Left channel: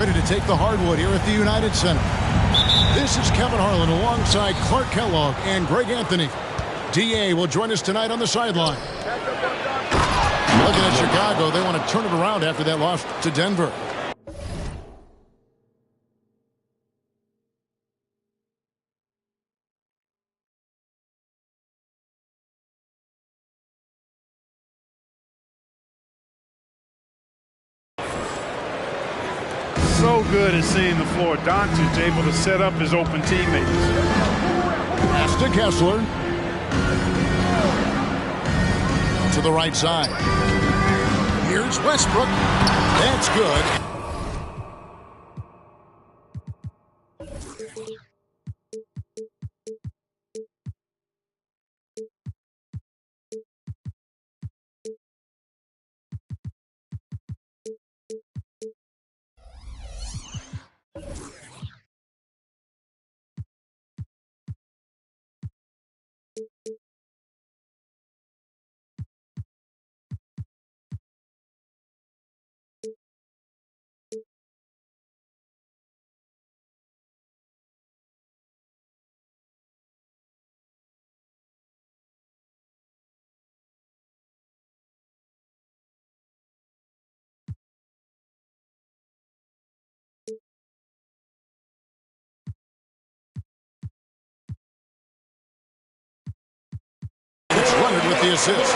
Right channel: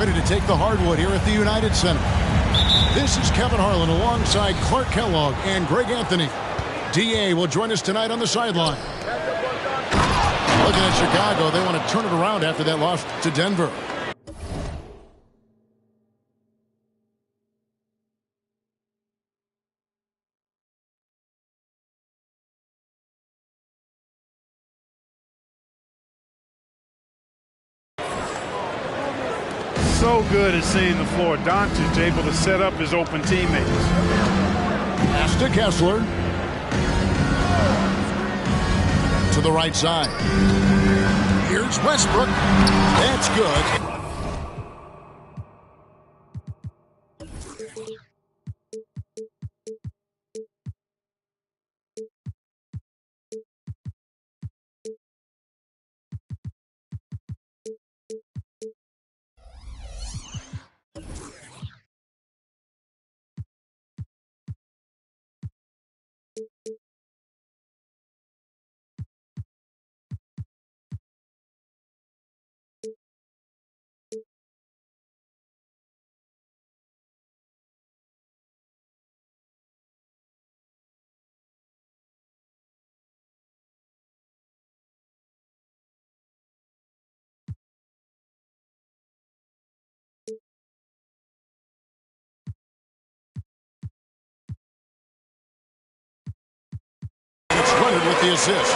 Ready to take the hardwood here at the United Center. This is Kevin Harlan alongside Clark Kellogg and Greg Anthony. DA will join us tonight on the sideline. Looking at Chicago, they want to turn it around after that loss to Denver. So good at seeing the floor. Doncic able to set up his open teammates. Pass to Kessler. To the right side. Here's Westbrook. That's good. It's Leonard with the assist.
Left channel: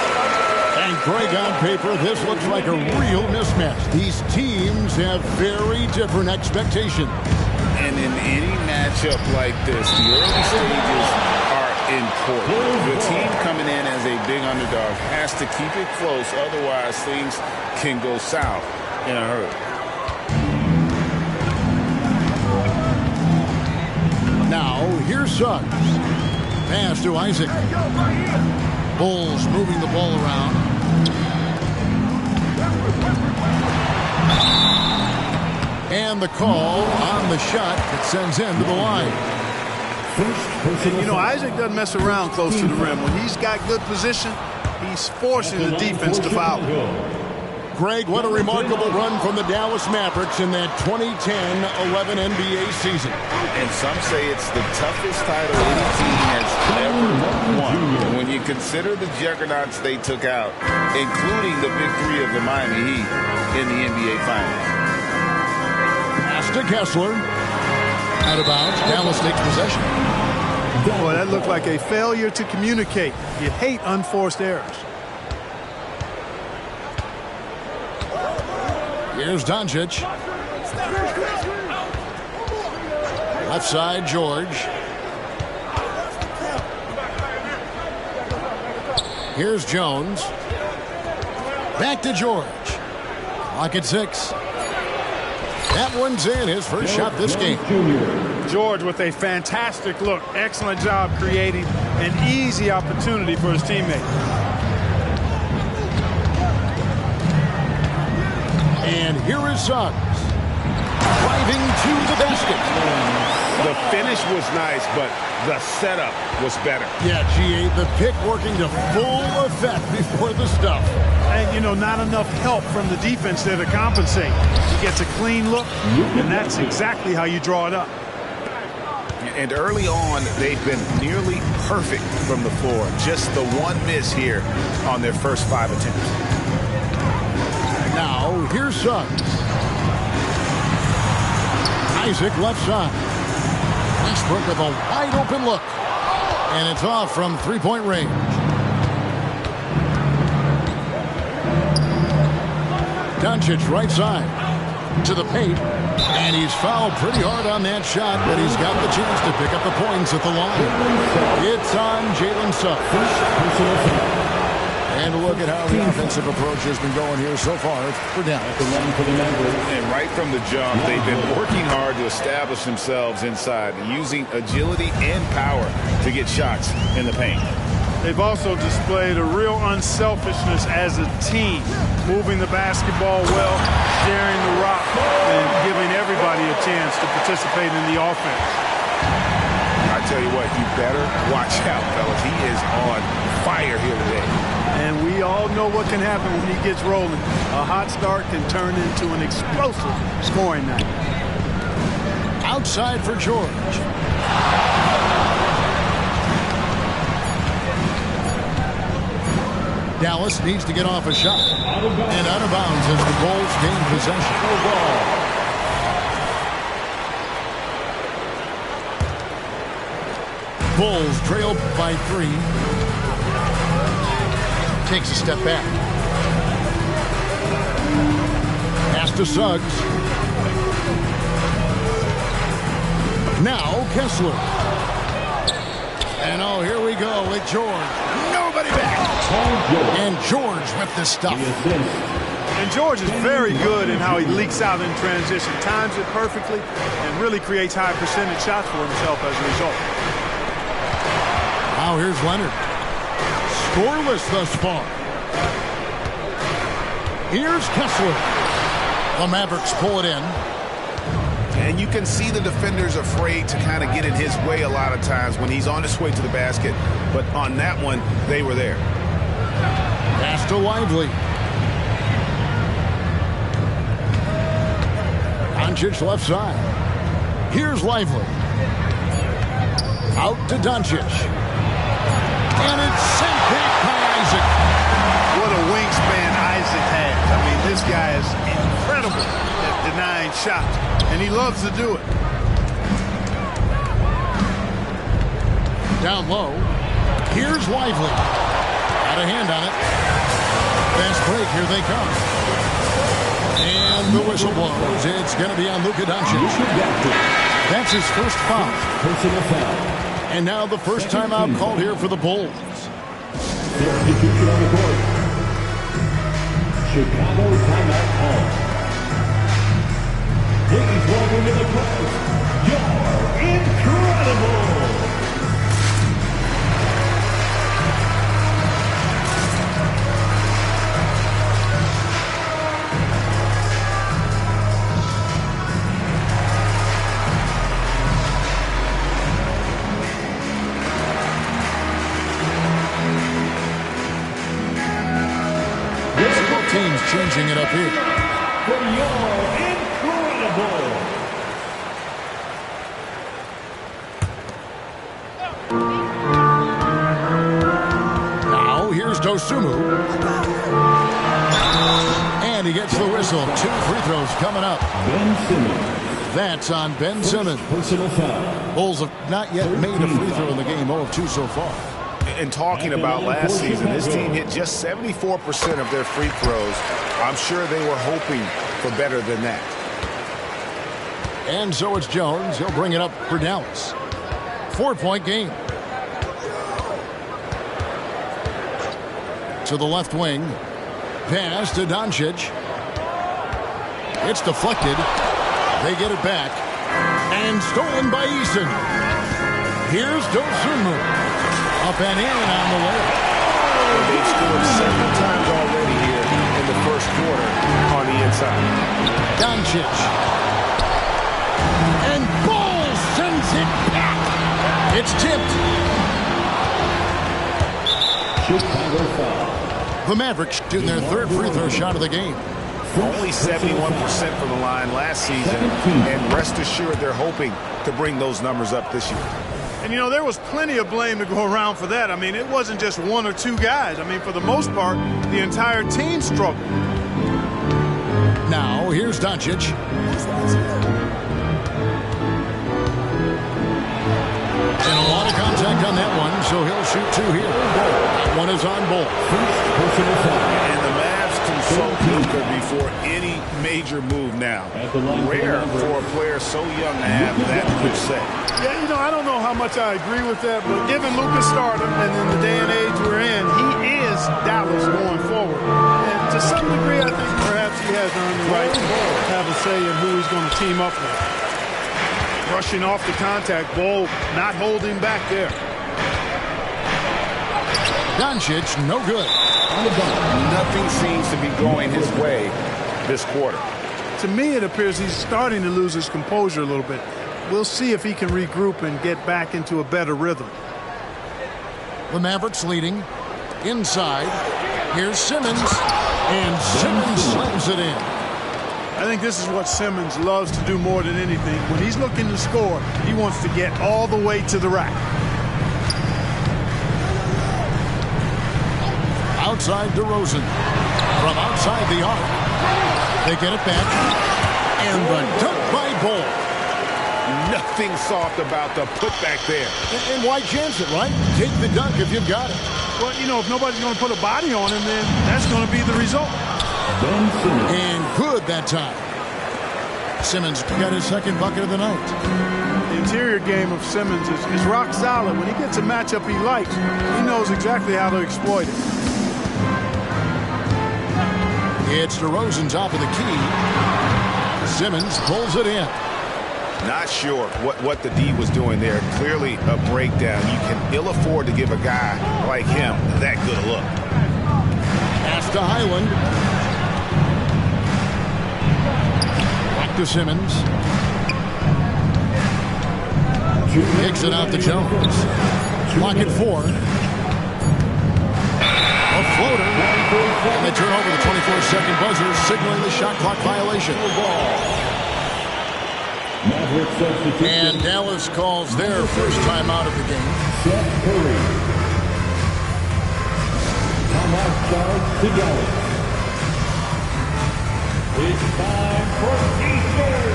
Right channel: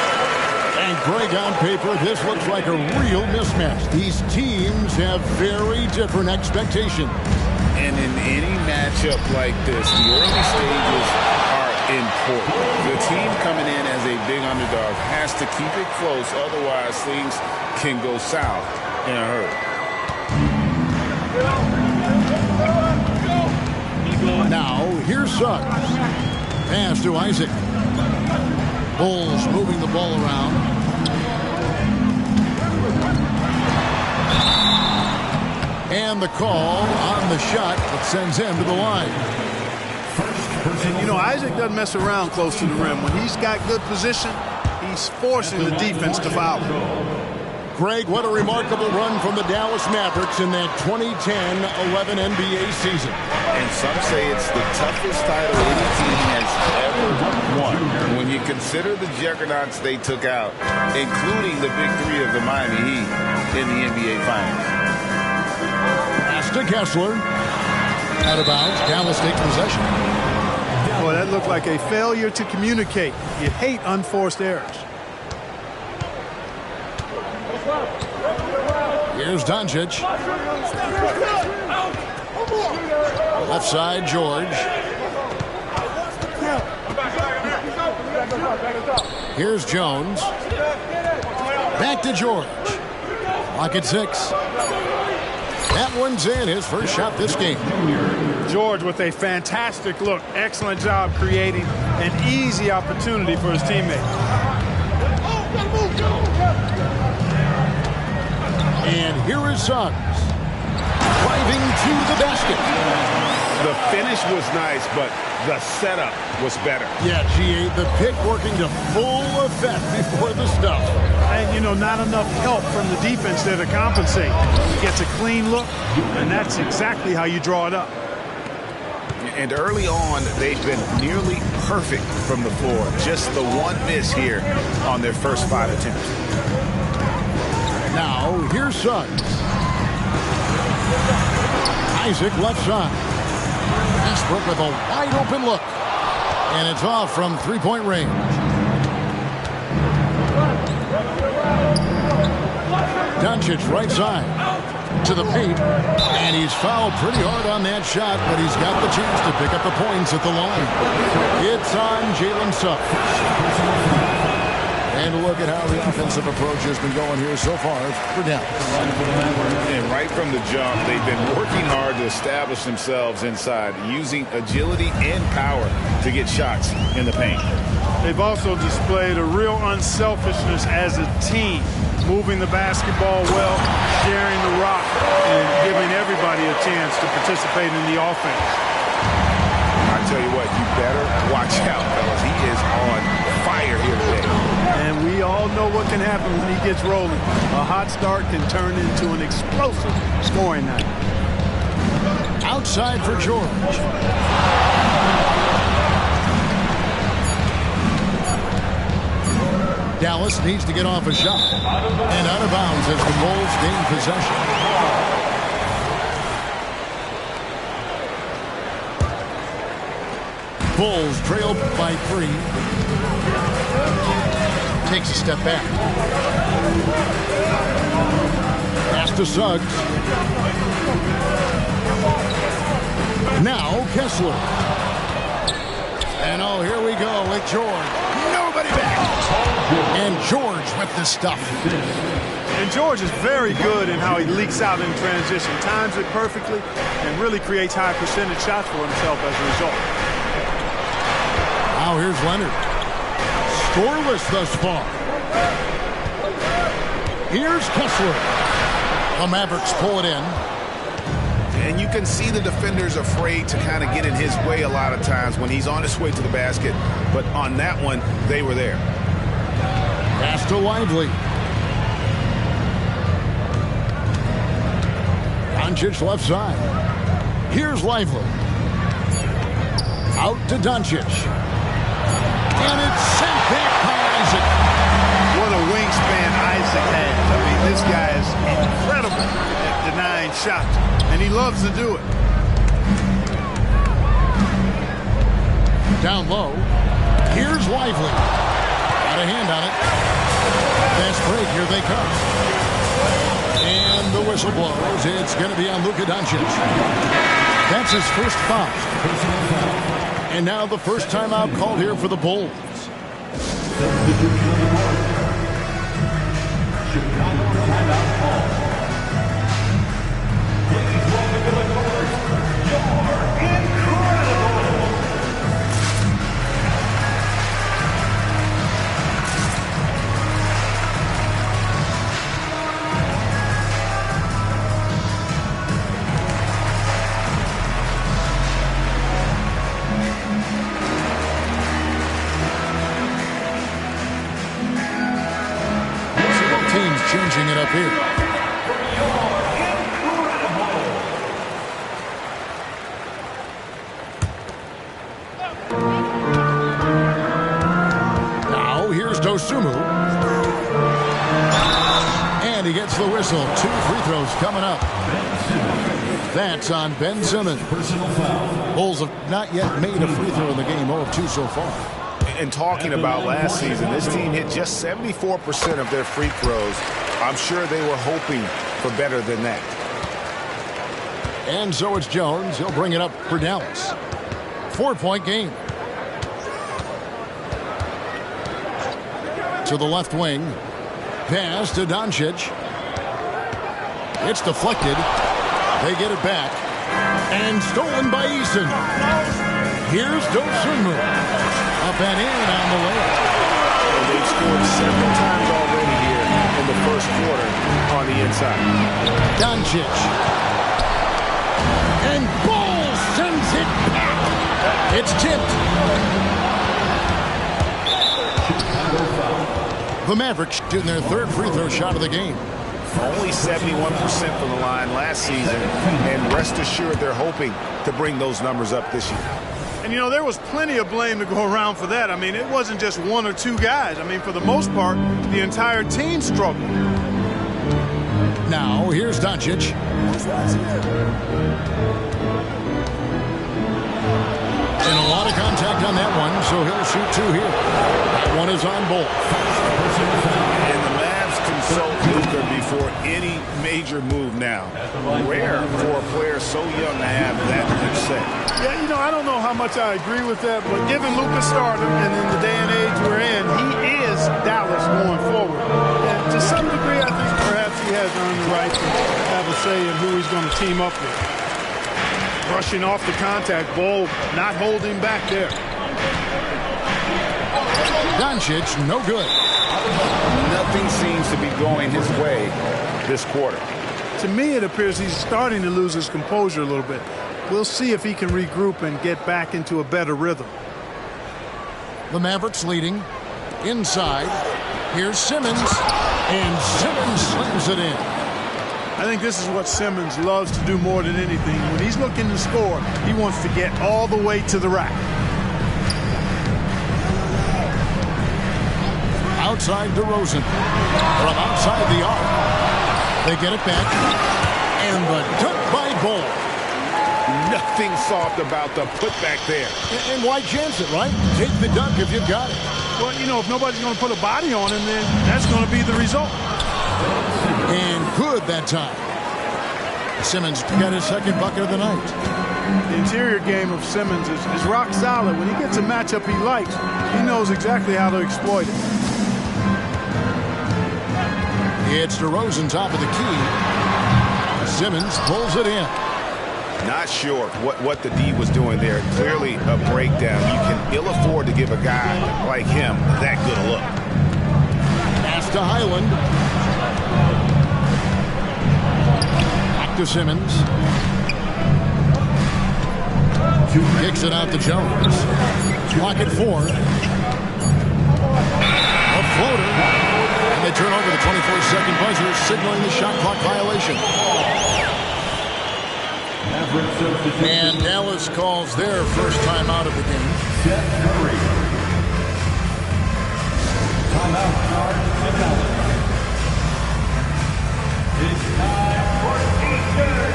And Greg, on paper, this looks like a real mismatch. These teams have very different expectations. And in any matchup like this, the early stages are important. The team coming in as a big underdog has to keep it close, otherwise things can go south in a hurry. Now, here's Suggs. Pass to Isaac. Bulls moving the ball around. And the call on the shot that sends him to the line. And, you know, Isaac doesn't mess around close to the rim. When he's got good position, he's forcing the defense to foul. Greg, what a remarkable run from the Dallas Mavericks in that 2010-11 NBA season. And some say it's the toughest title any team has ever won. When you consider the juggernauts they took out, including the big three of the Miami Heat in the NBA Finals. Pass to Kessler. Out of bounds. Dallas takes possession. Boy, that looked like a failure to communicate. You hate unforced errors. Here's Doncic. Left side, George. Here's Jones. Back to George. Clock at 6. That one's in, his first shot this game. George with a fantastic look. Excellent job creating an easy opportunity for his teammate. And here is Suggs. Driving to the basket. The finish was nice, but the setup was better. Yeah, G8, the pick working to full effect before the stuff. And, you know, not enough help from the defense there to compensate. He gets a clean look, and that's exactly how you draw it up. And early on, they've been nearly perfect from the floor. Just the one miss here on their first 5 attempts. Now, here's Suggs. Isaac left side. Westbrook with a wide open look. And it's off from three-point range. Doncic right side. To the paint. And he's fouled pretty hard on that shot, but he's got the chance to pick up the points at the line. It's on Jalen Suggs. And look at how the offensive approach has been going here so far for Dallas. And right from the jump, they've been working hard to establish themselves inside, using agility and power to get shots in the paint. They've also displayed a real unselfishness as a team, moving the basketball well, sharing the rock, and giving everybody a chance to participate in the offense. I tell you what, you better watch out, fellas. He is on fire here today. And we all know what can happen when he gets rolling. A hot start can turn into an explosive scoring night. Outside for George. Dallas needs to get off a shot. And out of bounds as the Bulls gain possession. Bulls trail by 3. Takes a step back. Pass to Suggs. Now Kessler. And oh, here we go with George. Nobody back. And George with the stuff. And George is very good in how he leaks out in transition. Times it perfectly and really creates high percentage shots for himself as a result. Now here's Leonard. Scoreless thus far. Here's Kessler. The Mavericks pull it in. And you can see the defenders afraid to kind of get in his way a lot of times when he's on his way to the basket. But on that one, they were there. Pass to Lively. Doncic left side. Here's Lively. Out to Doncic. And it's sent back by Isaac. What a wingspan Isaac has. I mean, this guy is incredible at denying shots, and he loves to do it. Down low. Here's Lively. Got a hand on it. Fast break. Here they come. And the whistle blows. It's going to be on Luka Doncic. That's his first foul. And now the first timeout called here for the Bulls. Substitution on the court. Chicago timeout call. Please welcome in the court, you're incredible. Teams changing it up here. For your incredible. Now here's Dosunmu. And he gets the whistle. 2 free throws coming up. Ben Simmons. That's on Ben Simmons. Personal foul. Bulls have not yet made a free throw in the game. 0 of 2 so far. And talking about last season, this team hit just 74% of their free throws. I'm sure they were hoping for better than that. And so it's Jones. He'll bring it up for Dallas. 4-point game. To the left wing. Pass to Doncic. It's deflected. They get it back. And stolen by Eason. Here's Dosunmu. Up and in on the layup. And they've scored several times already here in the first quarter on the inside. Doncic. And Ball sends it back. It's tipped. Chicago foul. The Mavericks shooting their 3rd free throw shot of the game. Only 71% from the line last season, and rest assured they're hoping to bring those numbers up this year. And, you know, there was plenty of blame to go around for that. I mean, it wasn't just 1 or 2 guys. I mean, for the most part, the entire team struggled. Now, here's Doncic. And a lot of contact on that one, so he'll shoot 2 here. That one is on Ball. And the Mavs consult Luka before any major move now. Rare for a player so young to have that much say. Yeah, you know, I don't know how much I agree with that, but given Luka's stardom and in the day and age we're in, he is Dallas going forward. And to some degree, I think perhaps he has earned the right to have a say in who he's going to team up with. Brushing off the contact, Ball not holding back there. Doncic, no good. Nothing seems to be going his way this quarter. To me, it appears he's starting to lose his composure a little bit. We'll see if he can regroup and get back into a better rhythm. The Mavericks leading. Inside. Here's Simmons. And Simmons slams it in. I think this is what Simmons loves to do more than anything. When he's looking to score, he wants to get all the way to the rack. Outside DeRozan. From outside the arc. They get it back. And the dunk by Bull. Nothing soft about the putback there. And why chance it, right? Take the dunk if you've got it. Well, you know, if nobody's going to put a body on him, then that's going to be the result. And good that time. Simmons got his second bucket of the night. The interior game of Simmons is rock solid. When he gets a matchup he likes, he knows exactly how to exploit it. It's DeRozan top of the key. Simmons pulls it in. Not sure what the D was doing there. Clearly a breakdown. You can ill afford to give a guy like him that good a look. Pass to Highland. Back to Simmons. Kicks it out to Jones. Clock at 4. A floater. And they turn over the 24-second buzzer, signaling the shot clock violation. And Dallas calls their first time out of the game. Timeout charge to Dallas. It's time for Eastern.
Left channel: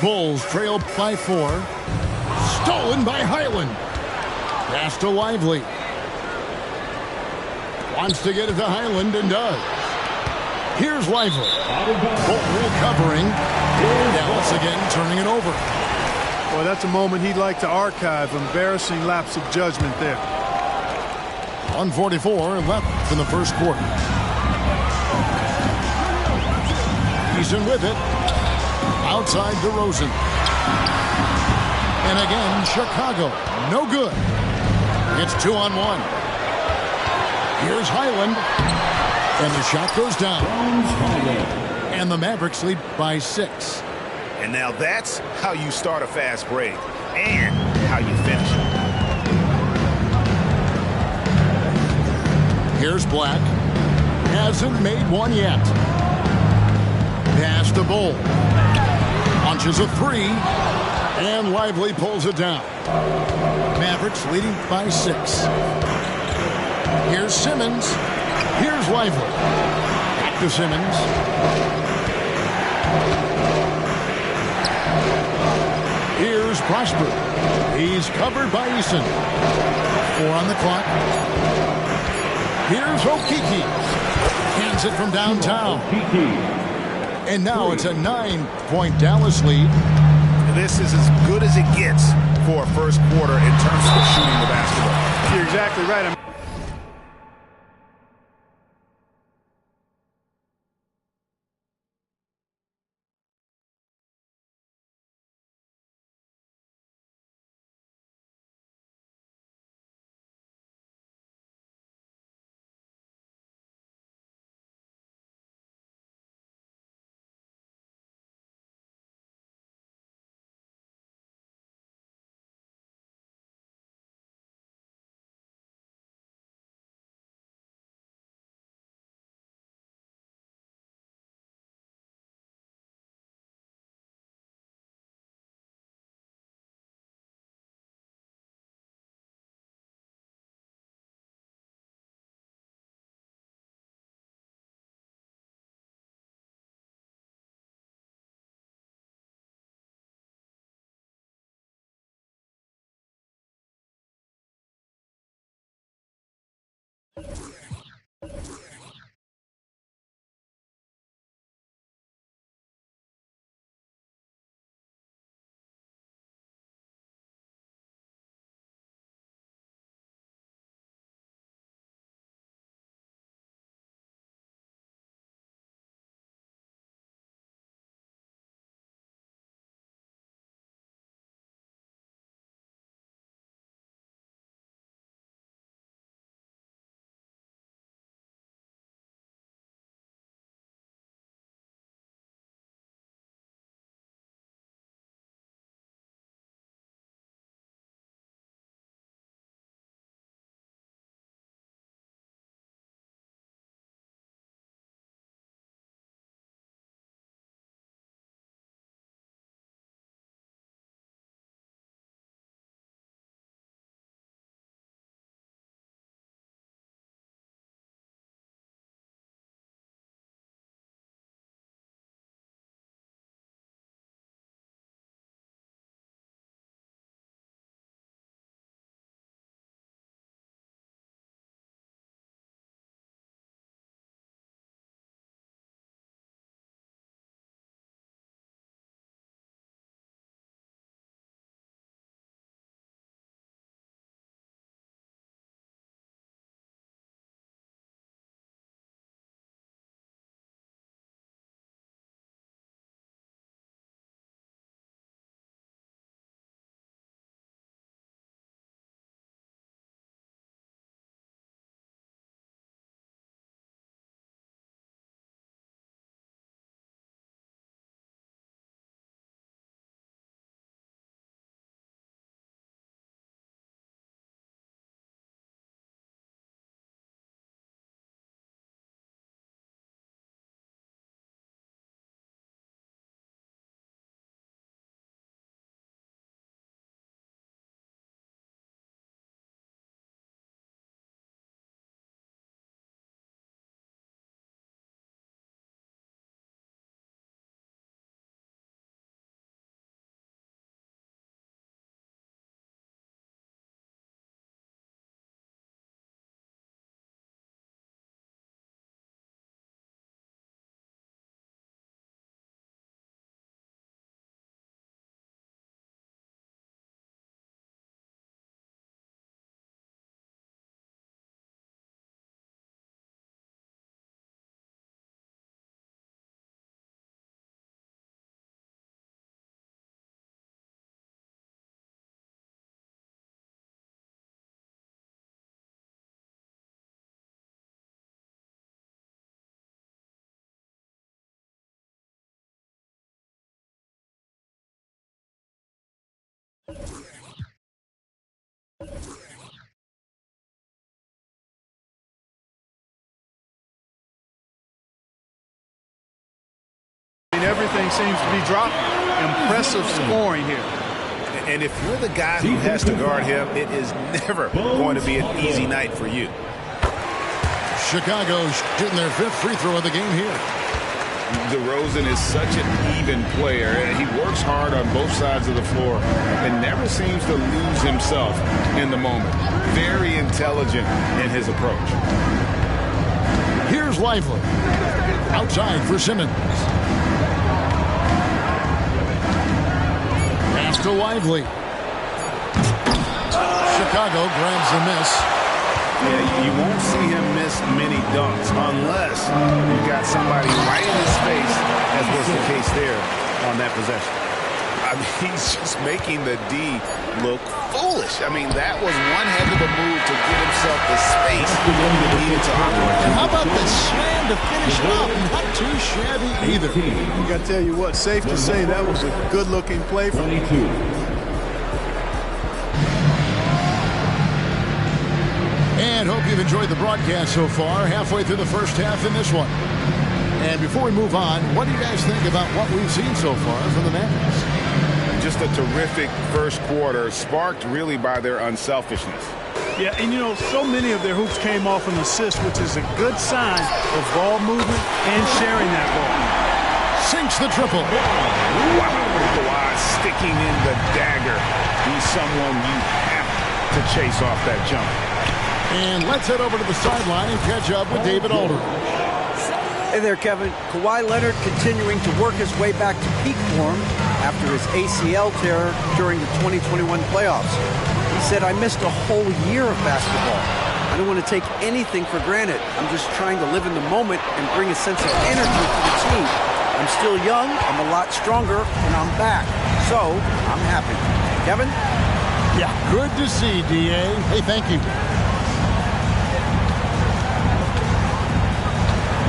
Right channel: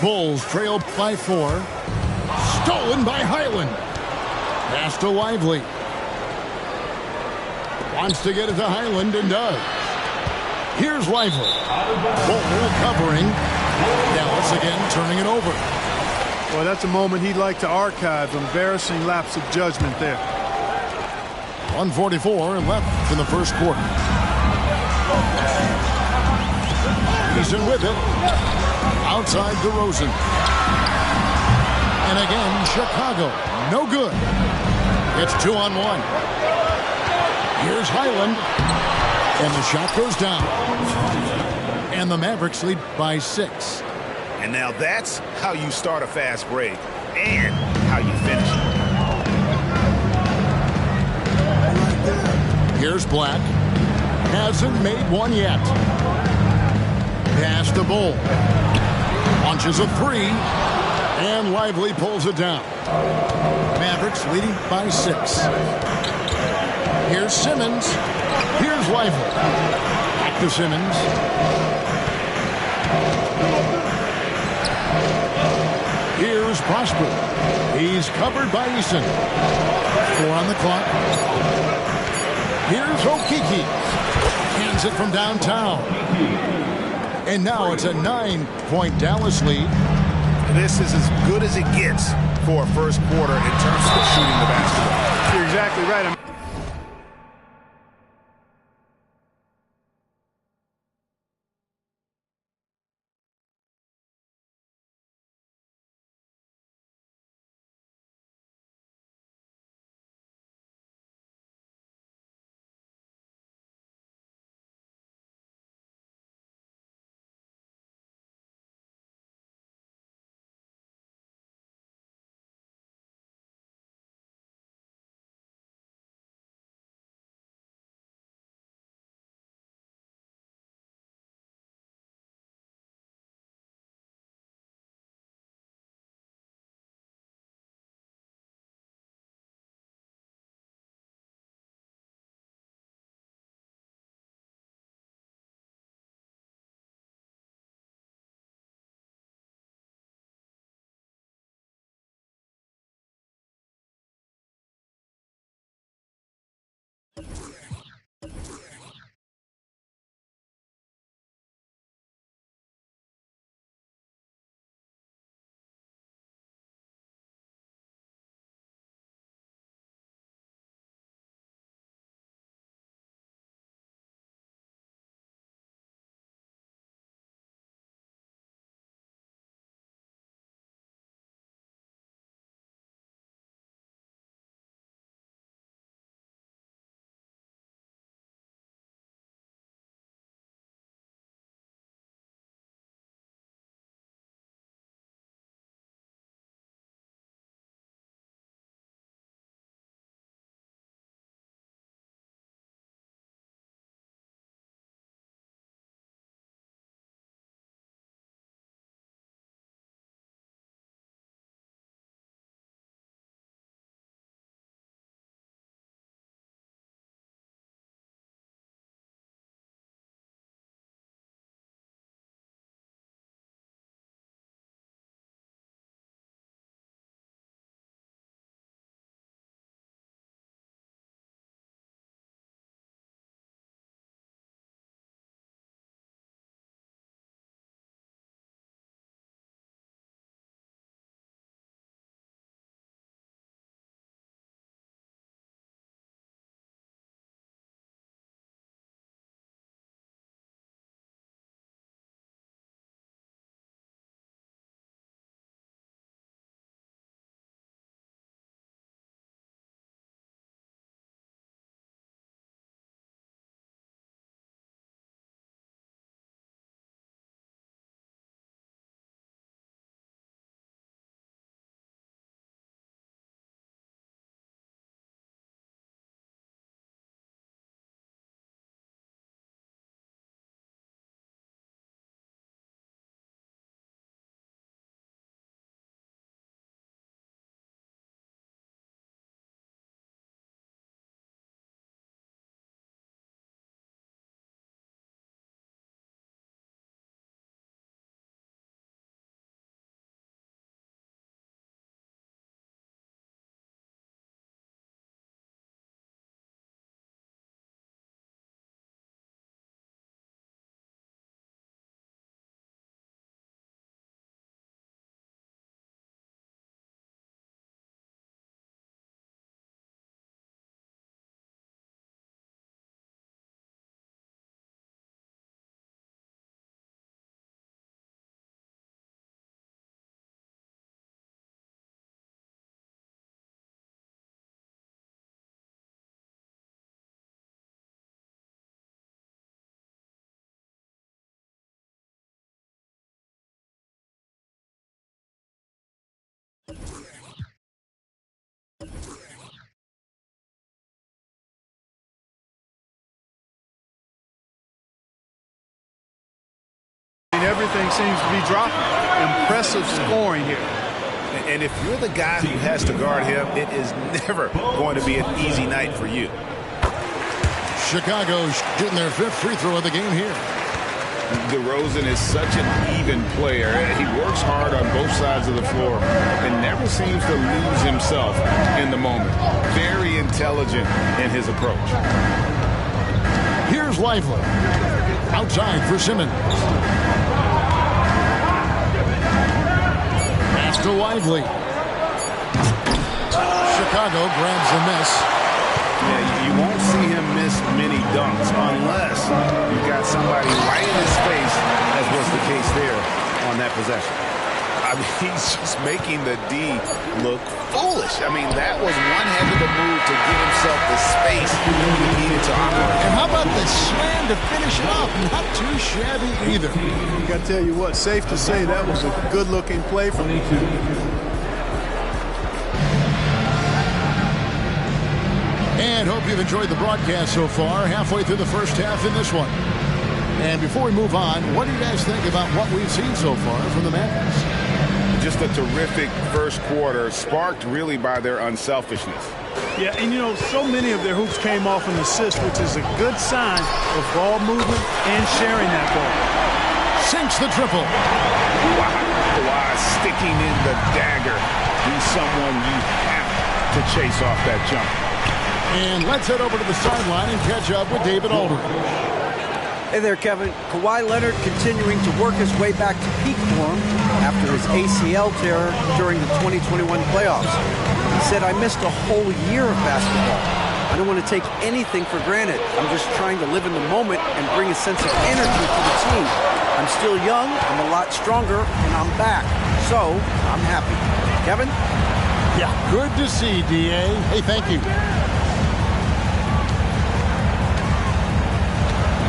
Bulls trail by 4. Stolen by Highland. Pass to Lively. Wants to get it to Highland and does. Here's Lively. Bull covering. Dallas again turning it over. Well, that's a moment he'd like to archive. Embarrassing lapse of judgment there. 1:44 left in the first quarter. Eason with it. Outside DeRozan. And again, Chicago. No good. It's 2-on-1. Here's Highland. And the shot goes down. And the Mavericks lead by 6. And now that's how you start a fast break and how you finish it. Here's Black. Hasn't made one yet. Pass to Bull. Launches a 3. And Lively pulls it down. Mavericks leading by 6. Here's Simmons. Here's Lively. Back to Simmons. Here's Prosper. He's covered by Eason. 4 on the clock. Here's Okiki. Hands it from downtown. And now it's a 9-point Dallas lead. This is as good as it gets for a first quarter in terms of shooting the basketball. You're exactly right. mean, everything seems to be dropping. Impressive scoring here. And if you're the guy who has to guard him, it is never going to be an easy night for you. Chicago shooting their 5th free throw of the game here. DeRozan is such an even player. He works hard on both sides of the floor and never seems to lose himself in the moment. Very intelligent in his approach. Here's Lively. Outside for Simmons. Pass to Lively. Chicago grabs the miss. Yeah, you won't see him miss many dunks unless you've got somebody right in his face, as was the case there on that possession. I mean, he's just making the D look foolish. I mean, that was one heck of a move to get himself the space he needed to operate. And how about the slam to finish it off? Not too shabby either. I got to tell you what, safe to say that was a good-looking play from 22. And hope you've enjoyed the broadcast so far. Halfway through the first half in this one. And before we move on, what do you guys think about what we've seen so far from the Mavericks? Just a terrific first quarter, sparked really by their unselfishness. Yeah, and you know, so many of their hoops came off an assist, which is a good sign of ball movement and sharing that ball. Sinks the triple. Wow, Kawhi sticking in the dagger. He's someone you have to chase off that jump. And let's head over to the sideline and catch up with David Aldridge. Hey there, Kevin. Kawhi Leonard continuing to work his way back to peak form after his ACL tear during the 2021 playoffs. He said, I missed a whole year of basketball. I don't want to take anything for granted. I'm just trying to live in the moment and bring a sense of energy for the team. I'm still young, I'm a lot stronger, and I'm back. So, I'm happy. Kevin? Yeah, good to see, D.A. Hey, thank you.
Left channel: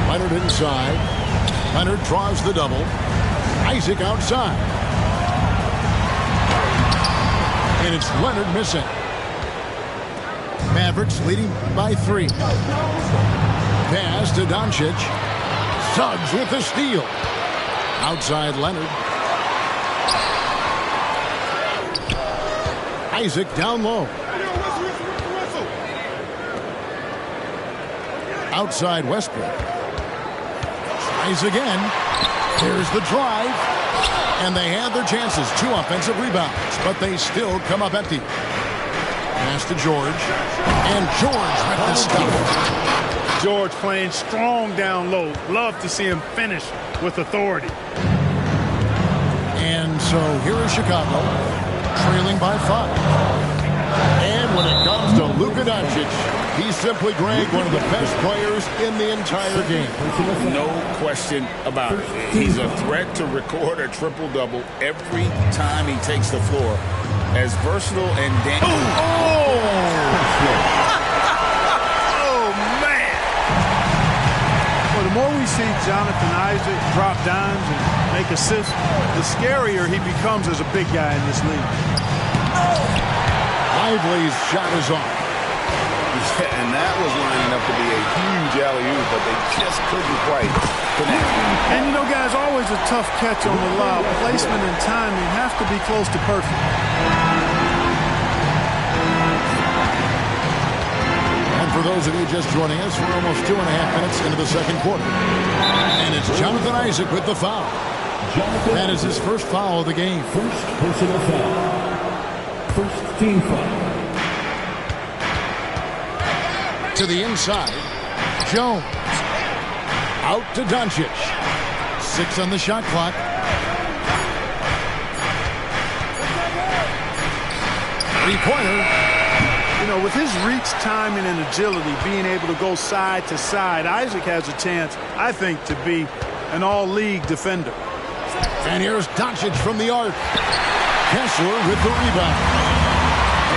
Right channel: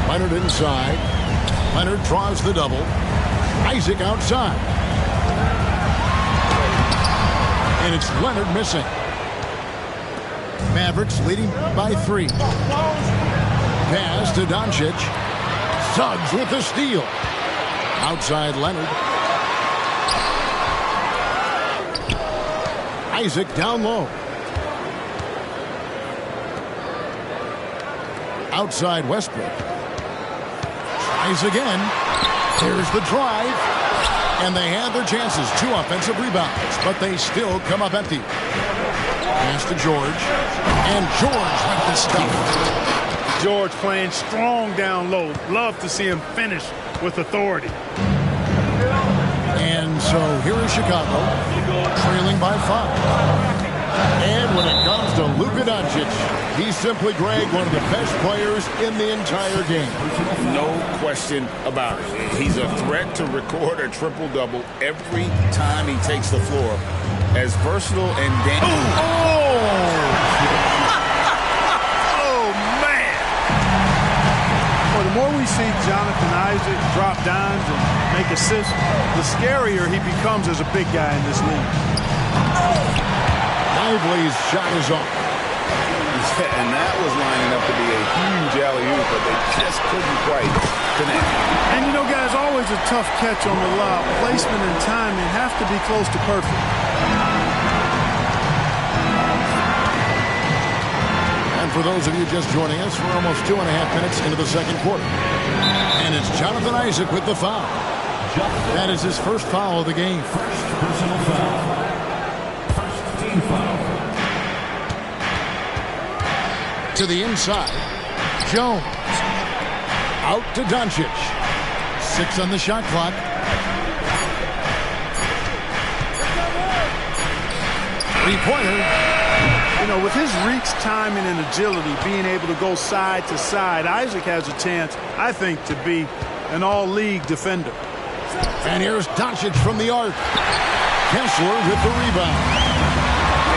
Leonard inside. Leonard draws the double. Isaac outside. And it's Leonard missing. Mavericks leading by 3. Pass to Doncic. Suggs with the steal. Outside Leonard. Isaac down low. Outside Westbrook. Tries again. There's the drive. And they have their chances. 2 offensive rebounds. But they still come up empty. Pass to George. And George with the stuff. George playing strong down low. Love to see him finish with authority. And so here is Chicago. Trailing by 5. And when it comes to Luka Doncic, he's simply, Greg, one of the best players in the entire game. No question about it. He's a threat to record a triple-double every time he takes the floor. As versatile and dangerous. Oh, man. Well, the more we see Jonathan Isaac drop dimes and make assists, the scarier he becomes as a big guy in this league. Lively's shot is off. Yeah, and that was lining up to be a huge alley-oop, but they just couldn't quite connect. And, you know, guys, always a tough catch on the lob. Placement and timing have to be close to perfect. And for those of you just joining us, we're almost 2.5 minutes into the second quarter. And it's Jonathan Isaac with the foul. That is his first foul of the game. First personal foul. First team foul. To the inside. Jones. Out to Doncic. 6 on the shot clock. Three-pointer. You know, with his reach, timing, and agility, being able to go side to side, Isaac has a chance, I think, to be an all-league defender. And here's Doncic from the arc. Kessler with the rebound.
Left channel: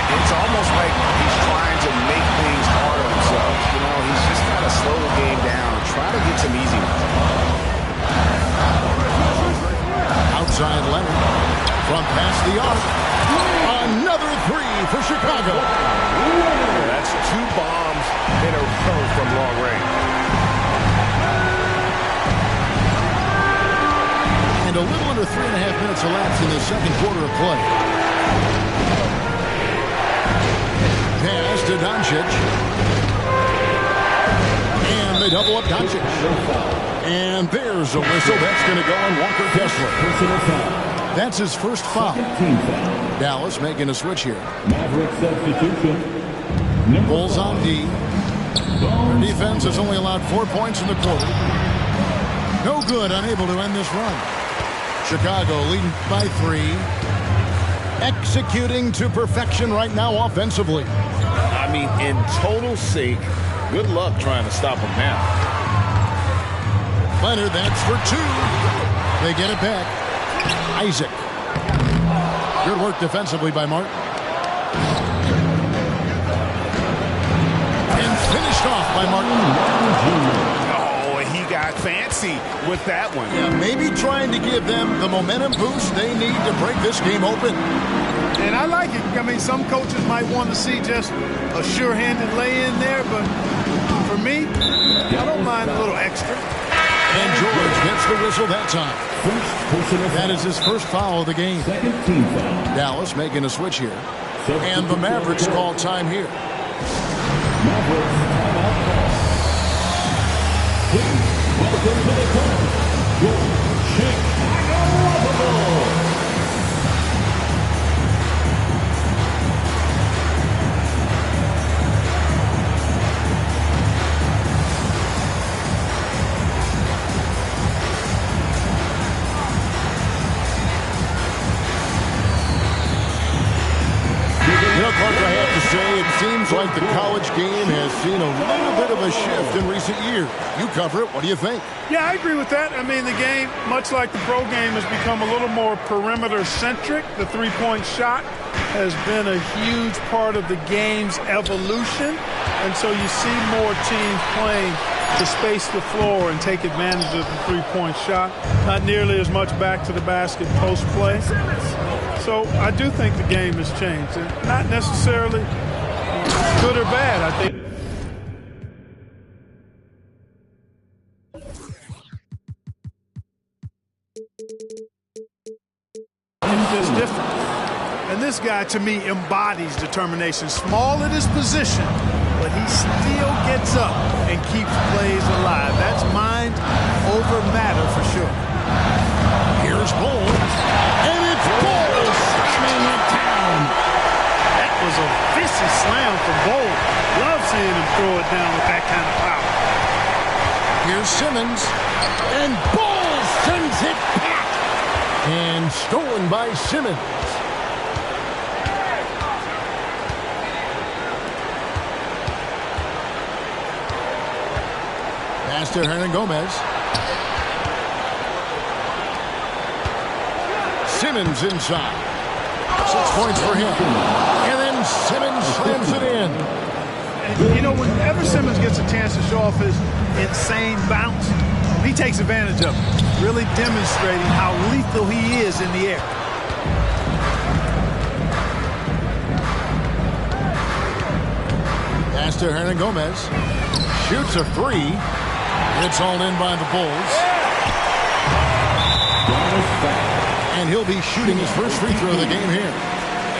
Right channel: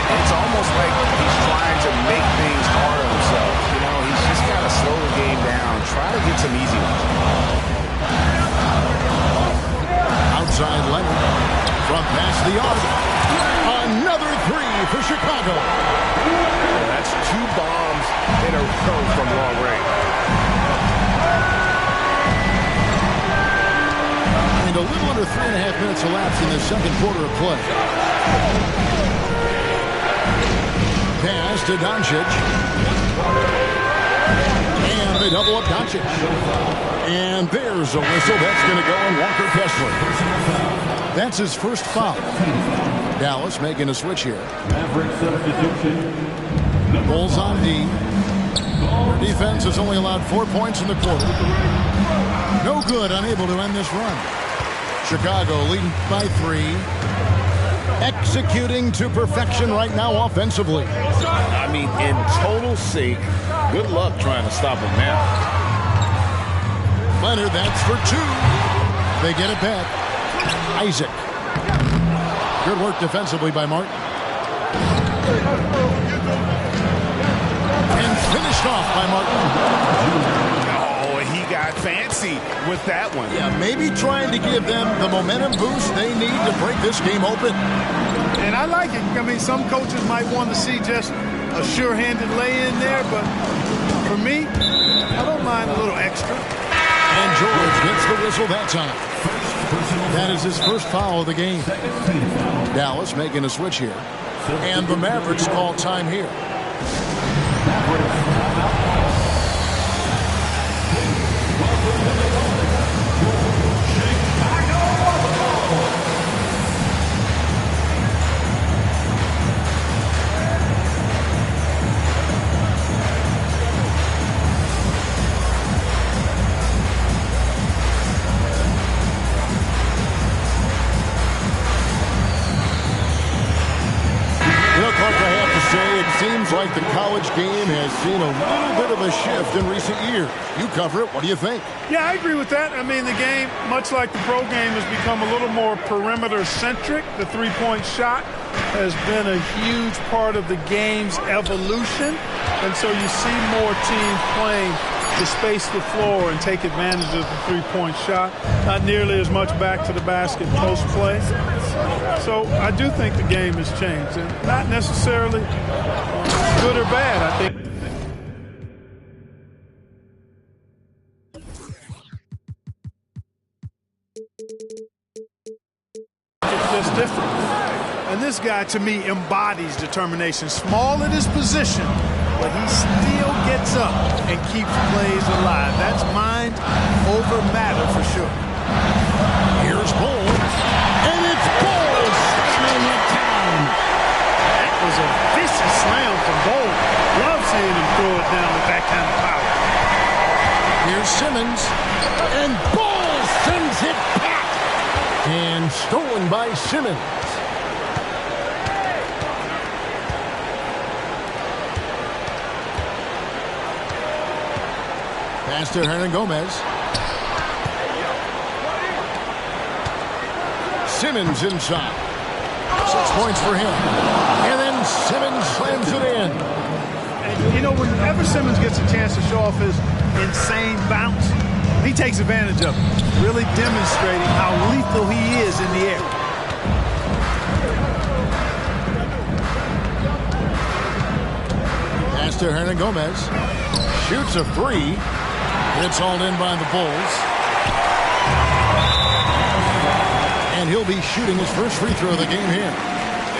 It's almost like he's trying to make things hard on himself. You know, he's just got to slow the game down, try to get some easy ones. Outside Leonard. From past the arc. Another 3 for Chicago. Yeah, that's 2 bombs in a row from long range. And a little under 3.5 minutes elapsed in the second quarter of play. Pass to Doncic. And they double up Doncic. And there's a whistle. That's going to go on Walker Kessler. That's his first foul. Dallas making a switch here. Maverick substitution. Bulls on D. Their defense has only allowed 4 points in the quarter. No good, unable to end this run. Chicago leading by 3. Executing to perfection right now offensively. I mean, in total sync. Good luck trying to stop him now. Leonard, that's for 2. They get it back. Isaac. Good work defensively by Martin. And finished off by Martin. Oh, he got fancy with that one. Yeah, maybe trying to give them the momentum boost they need to break this game open. And I like it. I mean, some coaches might want to see just a sure-handed lay-in there, but for me, I don't mind a little extra. And George gets the whistle that time. That is his first foul of the game. Dallas making a switch here. And the Mavericks call time here. Clark, I have to say, it seems like the college game has seen a little bit of a shift in recent years. You cover it. What do you think? Yeah, I agree with that. I mean, the game, much like the pro game, has become a little more perimeter-centric. The three-point shot has been a huge part of the game's evolution. And so you see more teams playing to space the floor and take advantage of the three-point shot. Not nearly as much back to the basket post play. So I do think the game has changed, and not necessarily good or bad. I think it's just different. And this guy, to me, embodies determination. Small at his position, but he still gets up and keeps plays alive. That's mind over matter for sure. Here's Bull, and it's Bull slamming it down. That was a vicious slam from Bull. Love seeing him throw it down with that kind of power. Here's Simmons, and Bull sends it back. And stolen by Simmons. Pass to Hernangomez. Simmons inside. 6 points for him. And then Simmons slams it in. And, you know, whenever Simmons gets a chance to show off his insane bounce, he takes advantage of it, really demonstrating how lethal he is in the air. Pass to Hernangomez. Shoots a 3. It's hauled in by the Bulls. And he'll be shooting his first free throw of the game here.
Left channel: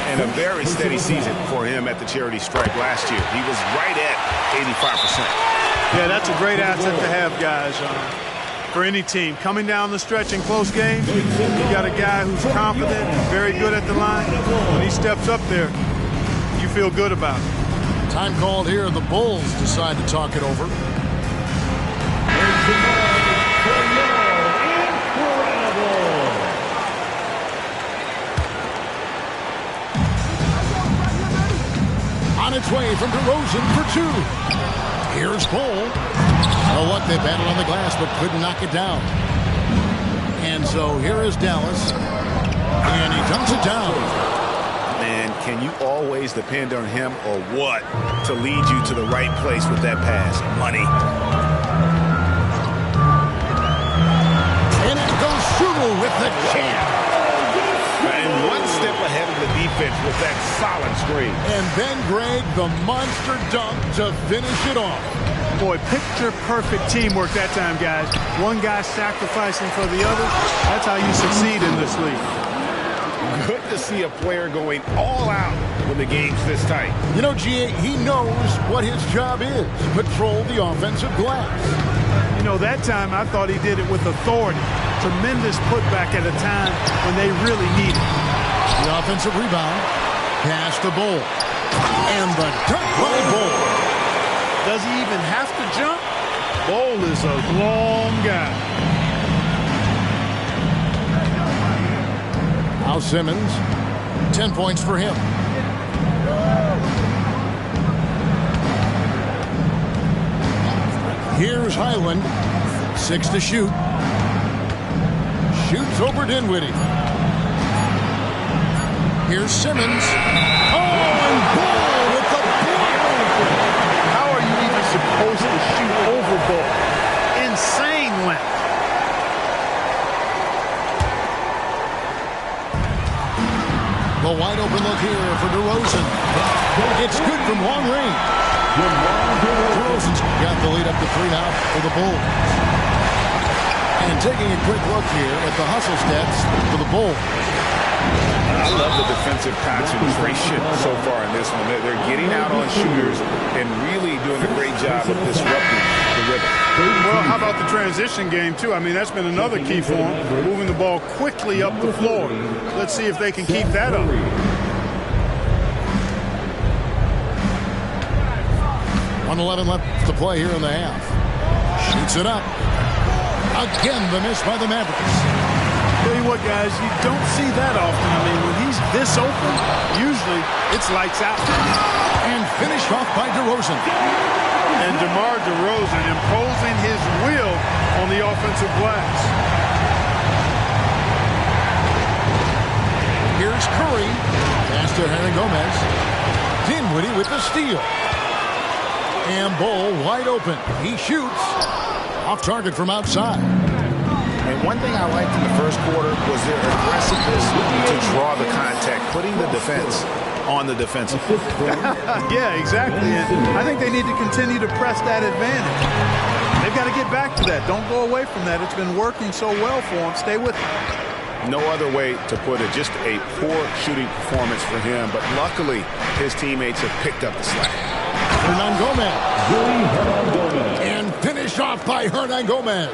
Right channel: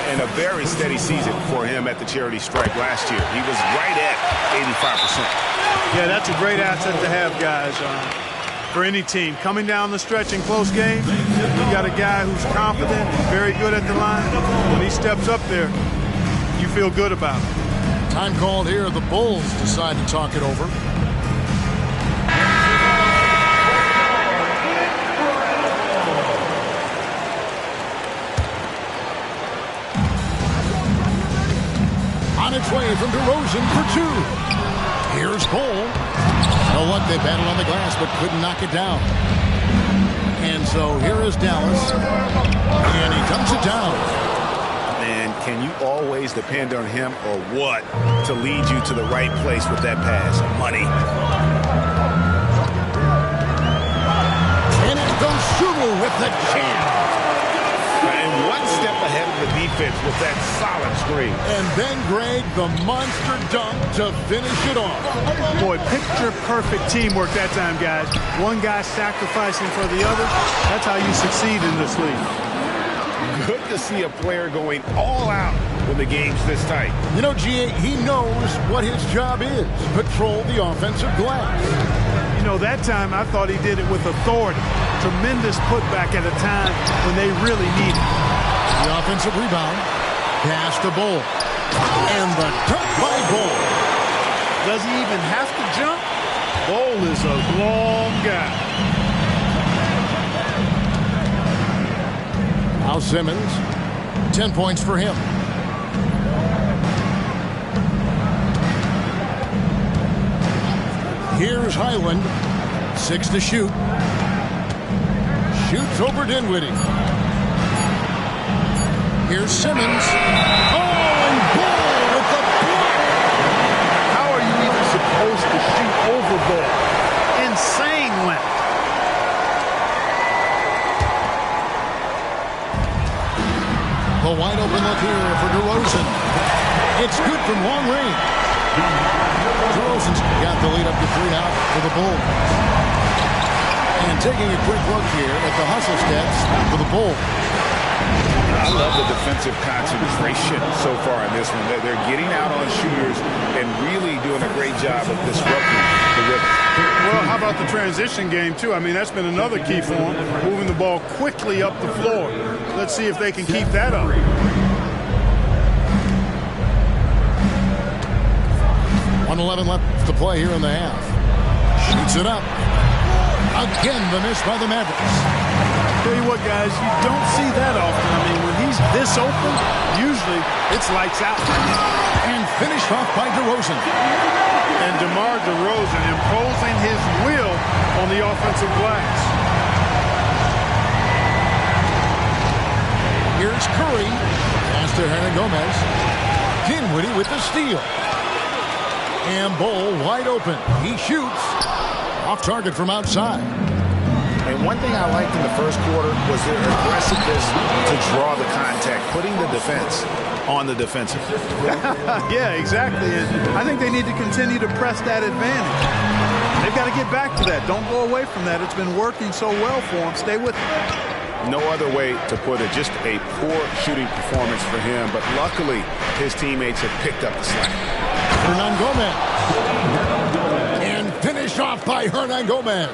And a very steady season for him at the charity stripe last year. He was right at 85%. Yeah, that's a great asset to have, guys, for any team. Coming down the stretch in close games, you got a guy who's confident and very good at the line. When he steps up there, you feel good about it. Time called here. The Bulls decide to talk it over. On its way from DeRozan for 2. Here's Bull. No luck, they battled on the glass but couldn't knock it down. And so here is Dallas. And he dunks it down. Man, can you always depend on him or what to lead you to the right place with that pass? Money. And it goes Sumu with the jam. and one step ahead of the defense with that solid screen. And then, Greg, the monster dunk to finish it off. Boy, picture-perfect teamwork that time, guys. One guy sacrificing for the other. That's how you succeed in this league. Good to see a player going all out when the game's this tight. You know, GA, he knows what his job is. Patrol the offensive glass. You know, that time I thought he did it with authority. Tremendous putback at a time when they really need it. The offensive rebound. Pass to Bull. And the dunk by Bull. Does he even have to jump? Bull is a long guy. Now Simmons, 10 points for him. Here's Highland, 6 to shoot. Shoots over Dinwiddie. Here's Simmons. Oh, and Bull with the block. How are you even supposed to shoot over Bull? Insane length. The wide open look here for DeRozan. It's good from long range. DeRozan's got the lead up to 3 now for the Bulls. And taking a quick look here at the hustle stats for the Bulls. I love the defensive concentration so far in this one. They're getting out on shooters and really doing a great job of disrupting the rhythm. Well, how about the transition game, too? I mean, that's been another key for them, moving the ball quickly up the floor. Let's see if they can keep that up. .111 left to play here in the half. Shoots it up. Again, the miss by the Mavericks. Tell you what, guys, you don't see that often. I mean, when he's this open, usually it's lights out. And finished off by DeRozan. And DeMar DeRozan imposing his will on the offensive glass. Here's Curry. Pass to Hernan Gomez. Dinwiddie with the steal. And Bull wide open. He shoots. Off target from outside. And one thing I liked in the first quarter was their aggressiveness to draw the contact, putting the defense on the defensive. Yeah, exactly. And I think they need to continue to press that advantage. They've got to get back to that. Don't go away from that. It's been working so well for them. Stay with it. No other way to put it. Just a poor shooting performance for him. But luckily, his teammates have picked up the slack. Hernan Gomez. And finished off by Hernan Gomez.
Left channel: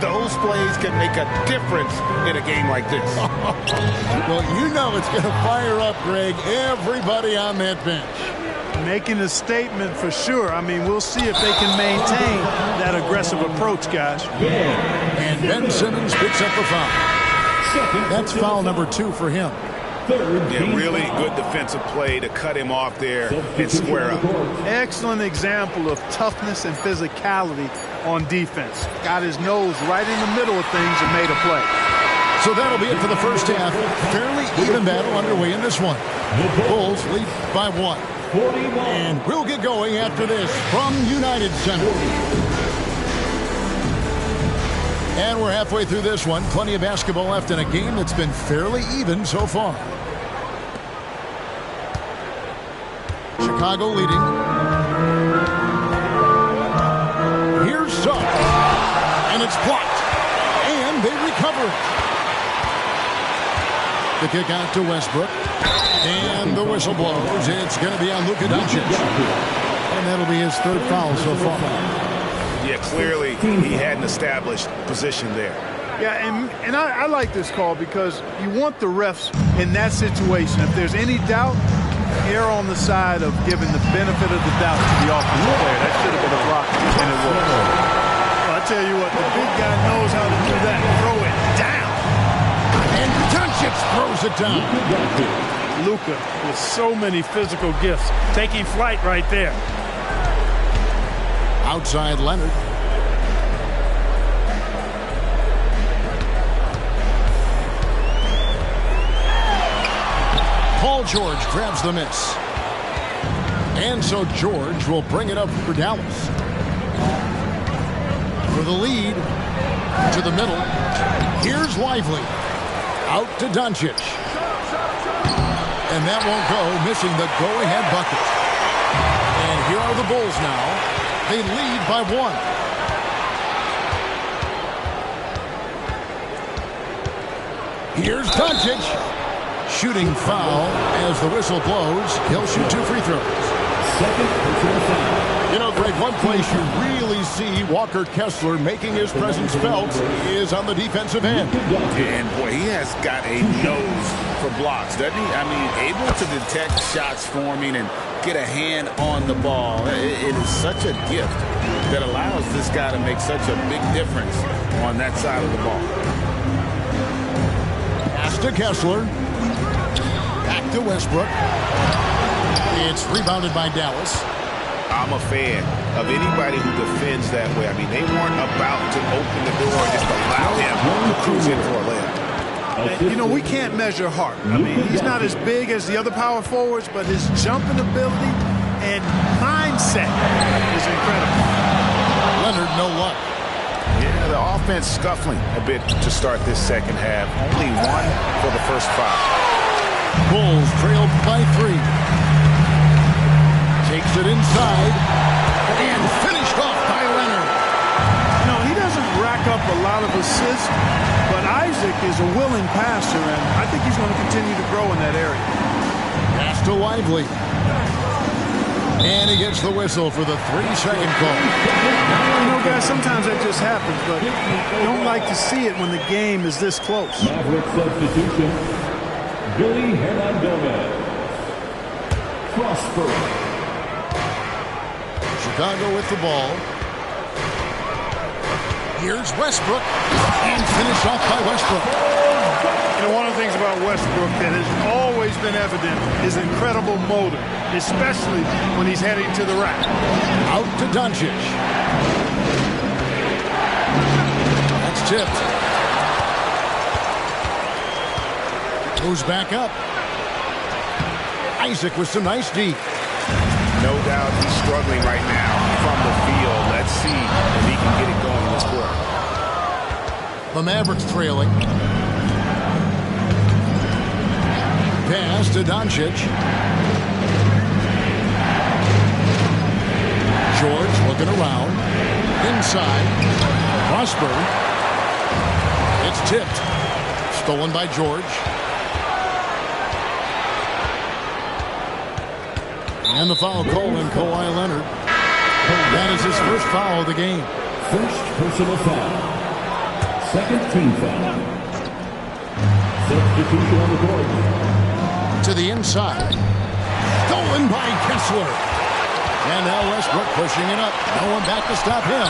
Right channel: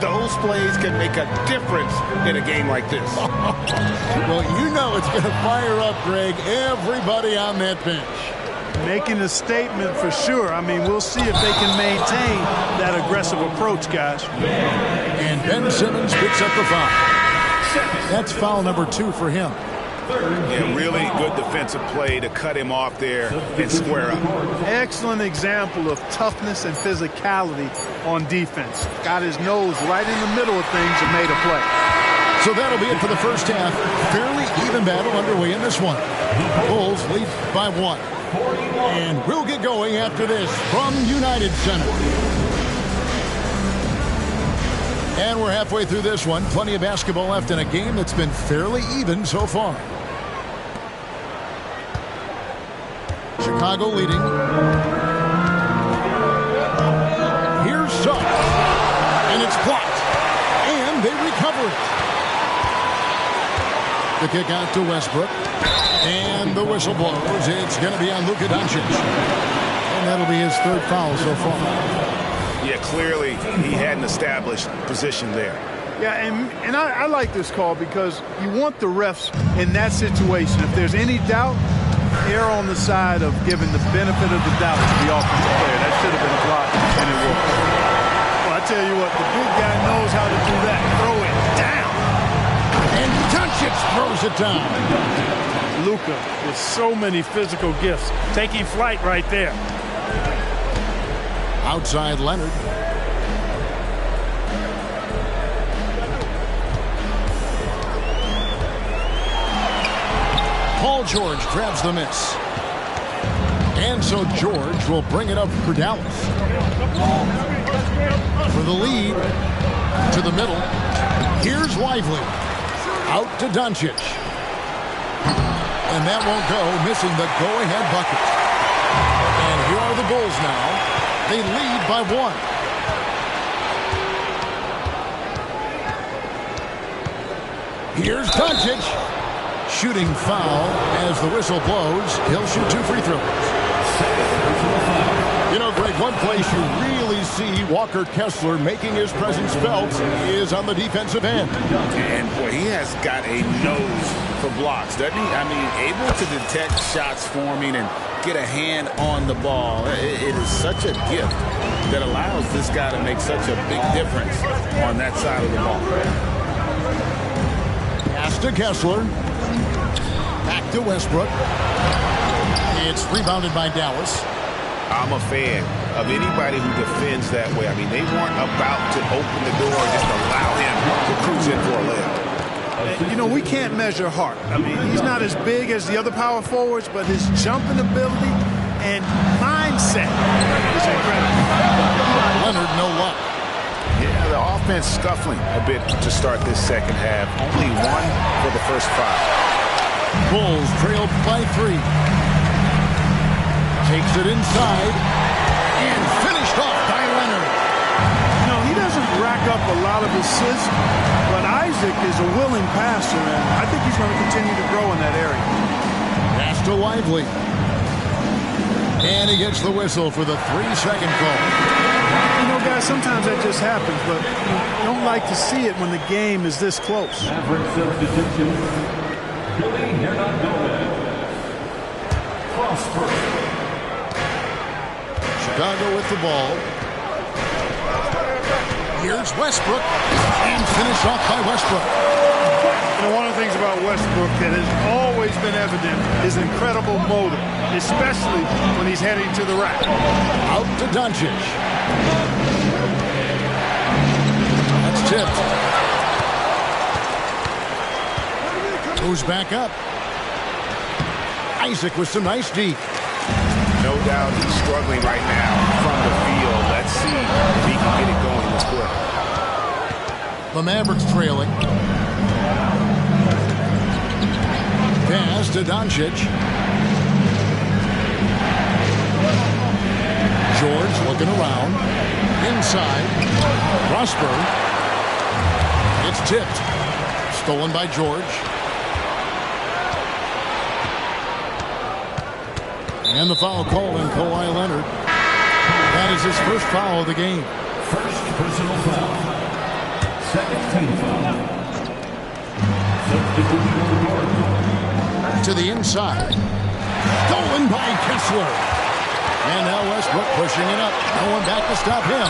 Those plays can make a difference in a game like this. Well, you know it's going to fire up, Greg, everybody on that bench. Making a statement for sure. I mean, we'll see if they can maintain that aggressive approach, guys. And Ben Simmons picks up the foul. That's foul number 2 for him. Yeah, really good defensive play to cut him off there and square up. Excellent example of toughness and physicality on defense. Got his nose right in the middle of things and made a play. So that'll be it for the first half. Fairly even battle underway in this one. The Bulls lead by 1. And we'll get going after this from United Center. And we're halfway through this one. Plenty of basketball left in a game that's been fairly even so far. Chicago leading. Here's Suggs. And it's blocked. And they recover it. The kick out to Westbrook. And the whistle blows. It's going to be on Luka Doncic. And that'll be his 3rd foul so far. Yeah, clearly he had an established position there. Yeah, and I like this call because you want the refs in that situation. If there's any doubt, err on the side of giving the benefit of the doubt to the offensive player. That should have been a block, and it was. Well, I tell you what, the big guy knows how to do that. Throw it down. And Doncic throws it down. Luka with so many physical gifts, taking flight right there. Outside Leonard. Paul George grabs the miss. And so George will bring it up for Dallas. For the lead to the middle. Here's Lively. Out to Doncic. And that won't go, missing the go-ahead bucket. And here are the Bulls now. They lead by 1. Here's Doncic. Shooting foul as the whistle blows. He'll shoot 2 free throws. You know, Greg, one place you really see Walker Kessler making his presence felt is on the defensive end. And, boy, he has got a nose for blocks, doesn't he? I mean, able to detect shots forming and get a hand on the ball. It is such a gift that allows this guy to make such a big difference on that side of the ball. Pass to Kessler. Back to Westbrook. It's rebounded by Dallas. I'm a fan of anybody who defends that way. I mean, they weren't about to open the door and just allow him to cruise in for a layup. You know, we can't measure heart. I mean, he's not as big as the other power forwards, but his jumping ability and mindset is incredible. Leonard, no luck. Yeah, the offense scuffling a bit to start this second half. Only 1 for the first 5. Bulls trailed by 3. Takes it inside and finished off by Leonard. You know, he doesn't rack up a lot of assists, but Isaac is a willing passer, and I think he's going to continue to grow in that area. Pass to Lively. And he gets the whistle for the 3-second call. You know, guys, sometimes that just happens, but you don't like to see it when the game is this close. Maverick substitution. Billy Hernandez. Prosper. Chicago with the ball. Here's Westbrook. And finished off by Westbrook. You know, one of the things about Westbrook that has always been evident is incredible motor, especially when he's heading to the rack. Out to Doncic. That's tipped. Moves back up. Isaac with some nice D. No doubt he's struggling right now from the field. Let's see if he can get it going this quarter. The Mavericks trailing. Pass to Doncic. George looking around. Inside. Prosper. It's tipped. Stolen by George. And the foul called on Kawhi Leonard. That is his first foul of the game. First personal foul. Second team foul. Substitution on the court. To the inside. Stolen by Kessler. And now Westbrook pushing it up. No one back to stop him.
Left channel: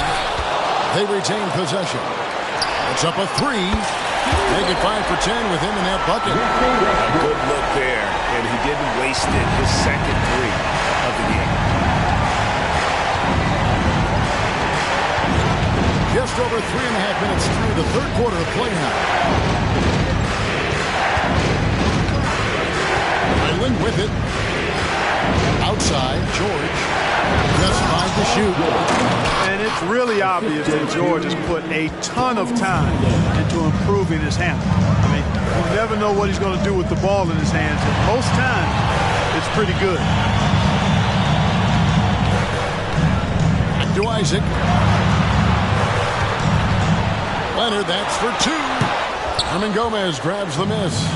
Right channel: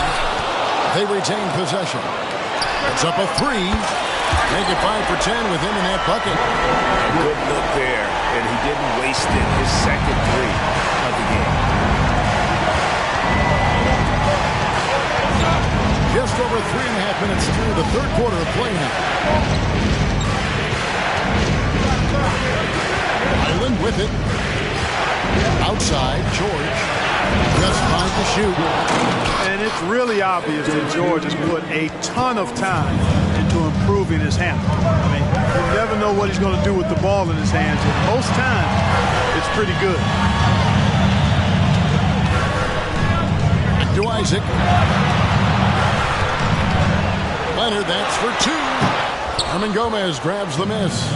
They retain possession. It's up a 3. Make it 5 for 10 with him in that bucket. A good look there, and he didn't waste it. His second 3 of the game. Just over 3.5 minutes through the third quarter of play now. Island with it. Outside, George. Just 5 to shoot. And it's really obvious that George has put a ton of time into improving his handle. I mean, you never know what he's going to do with the ball in his hands, and most times it's pretty good. Back to Isaac. Leonard, that's for 2. Herman Gomez grabs the miss.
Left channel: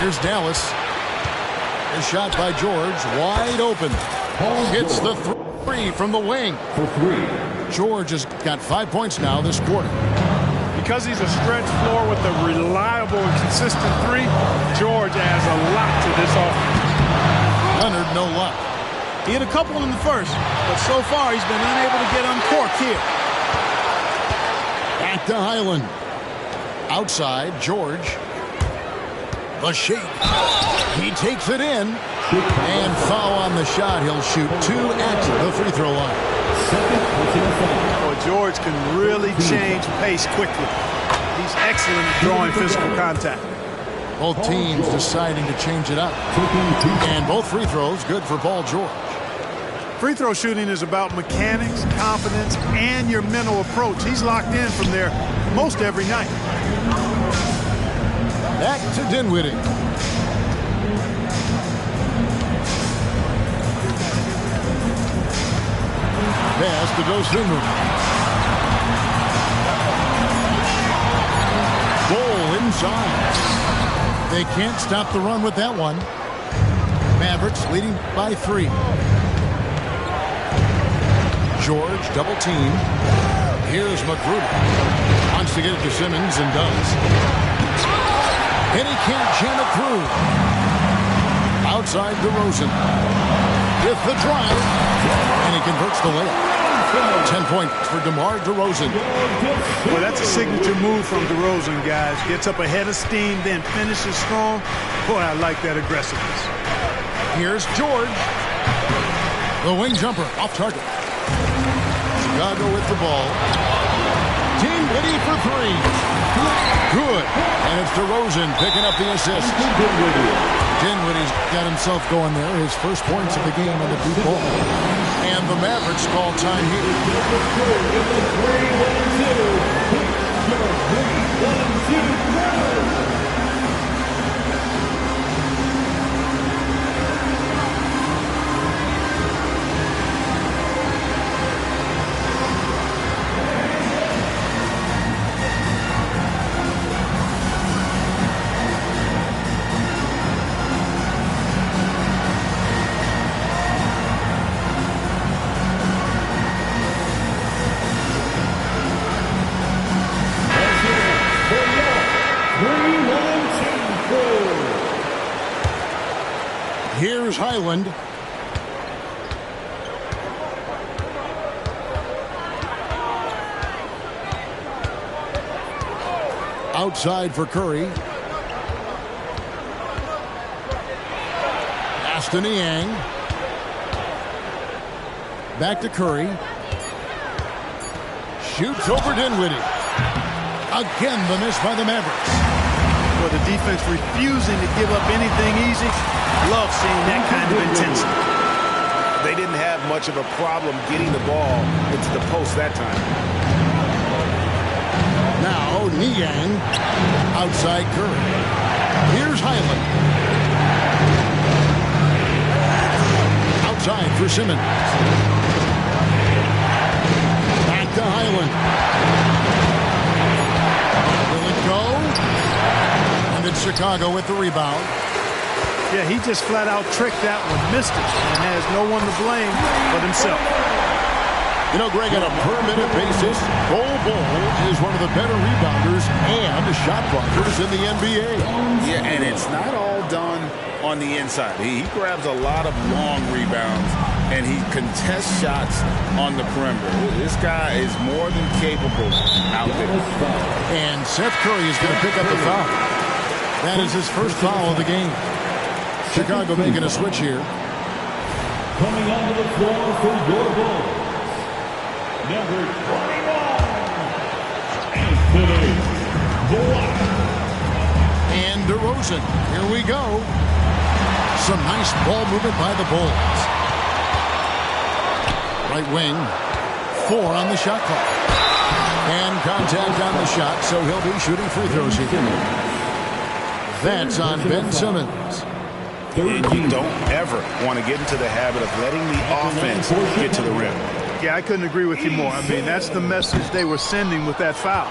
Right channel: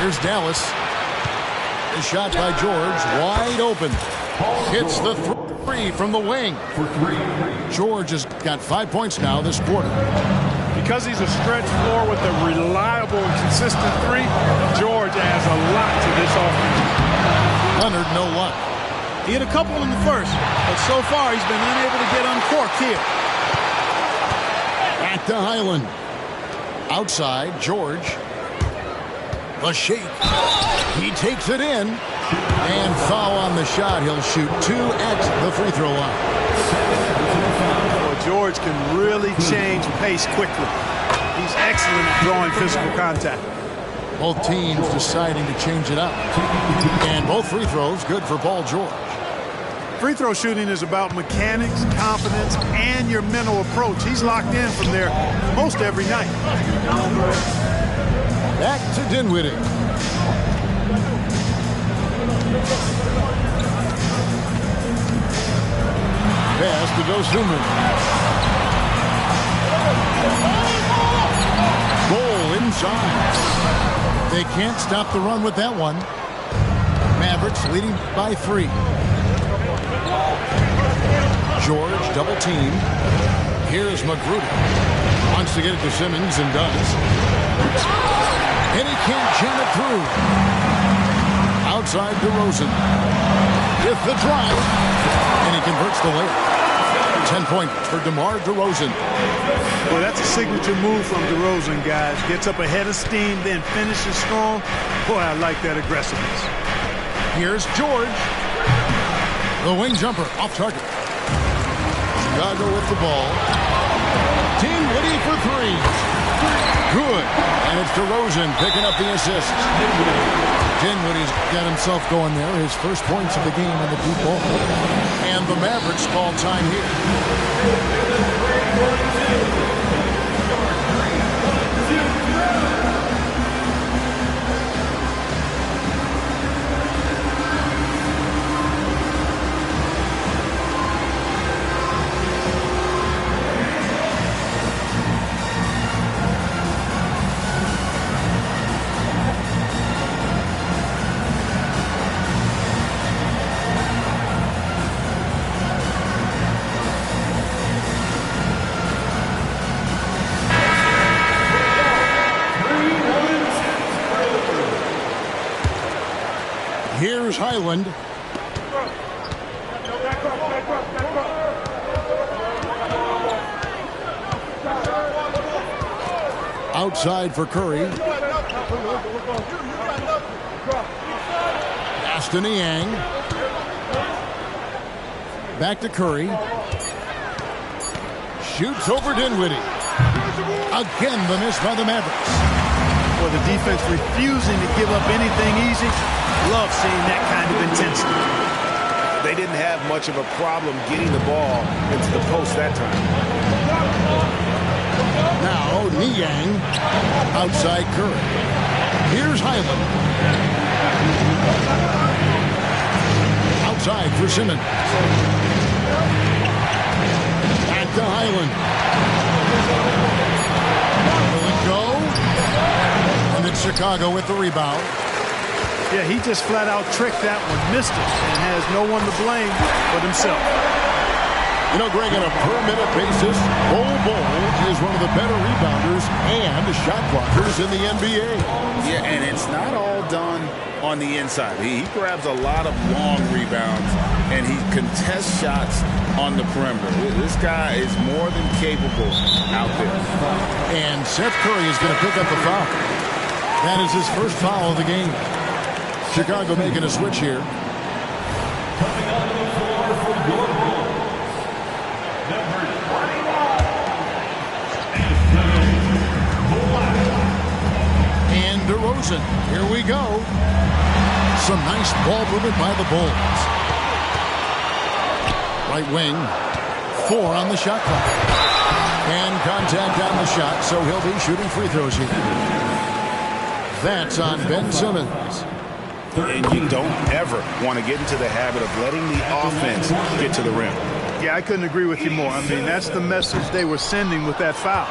Here's Dallas. A shot by George, wide open. Hits the 3 from the wing. For 3. George has got 5 points now this quarter. Because he's a stretch floor with a reliable and consistent 3, George adds a lot to this offense. Leonard, no luck. He hit a couple in the first, but so far he's been unable to get uncorked here. Back to Highland. Outside, George. The shake. He takes it in. And foul on the shot. He'll shoot 2 at the free throw line. Boy, George can really change pace quickly. He's excellent at drawing physical contact. Both teams deciding to change it up. And both free throws good for Paul George. Free throw shooting is about mechanics, confidence, and your mental approach. He's locked in from there most every night. Back to Dinwiddie. Pass to Dosunmu. Goal inside. They can't stop the run with that one. Mavericks leading by 3. George double team. Here's Magruder. Wants to get it to Simmons and does. And he can't jam it through. Outside DeRozan. With the drive. And he converts the layup. 10 points for DeMar DeRozan. Well, that's a signature move from DeRozan, guys. Gets up ahead of steam, then finishes strong. Boy, I like that aggressiveness. Here's George. The wing jumper off target. Chicago with the ball. Dinwiddie for 3. Good. And it's DeRozan picking up the assist. Dinwiddie's got himself going there. His first points of the game on the deep ball. And the Mavericks call time here. Here's Highland. Outside for Curry. Pass to Niang. Back to Curry. Shoots over Dinwiddie. Again, the miss by the Mavericks. Boy, the defense refusing to give up anything easy. Love seeing that kind of intensity. They didn't have much of a problem getting the ball into the post that time. Now Niang outside Curry. Here's Highland. Outside for Simmons. Back to Highland. Will it go? And it's Chicago with the rebound. Yeah, he just flat out tricked that one, missed it, and has no one to blame but himself. You know, Greg, on a per-minute basis, Bol is one of the better rebounders and shot blockers in the NBA. Yeah, and it's not all done on the inside. He grabs a lot of long rebounds, and he contests shots on the perimeter. This guy is more than capable out there. And Seth Curry is going to pick up the foul. That is his first foul of the game. Chicago making a switch here. Coming onto the floor for your Bulls, number 21, Anthony Black. And DeRozan. Here we go. Some nice ball movement by the Bulls. Right wing. 4 on the shot clock. And contact on the shot, so he'll be shooting free throws here. That's on Ben Simmons. And you don't ever want to get into the habit of letting the offense get to the rim. Yeah, I couldn't agree with you more. I mean, that's the message they were sending with that foul.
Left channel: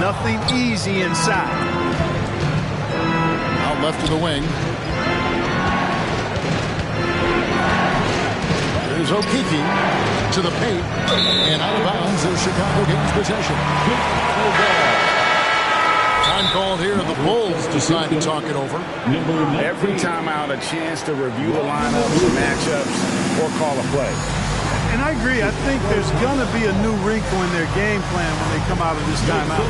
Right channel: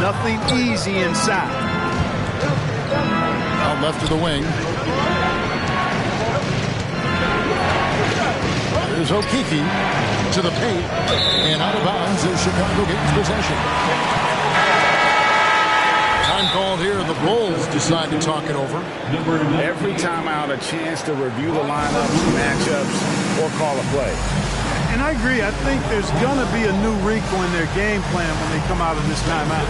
Nothing easy inside. Out left to the wing. There's O'Keefe to the paint. And out of bounds as Chicago gains possession. Time called here. The Bulls decide to talk it over. Every time out, a chance to review the lineups, matchups, or call a play. And I agree. I think there's going to be a new wrinkle in their game plan when they come out of this timeout.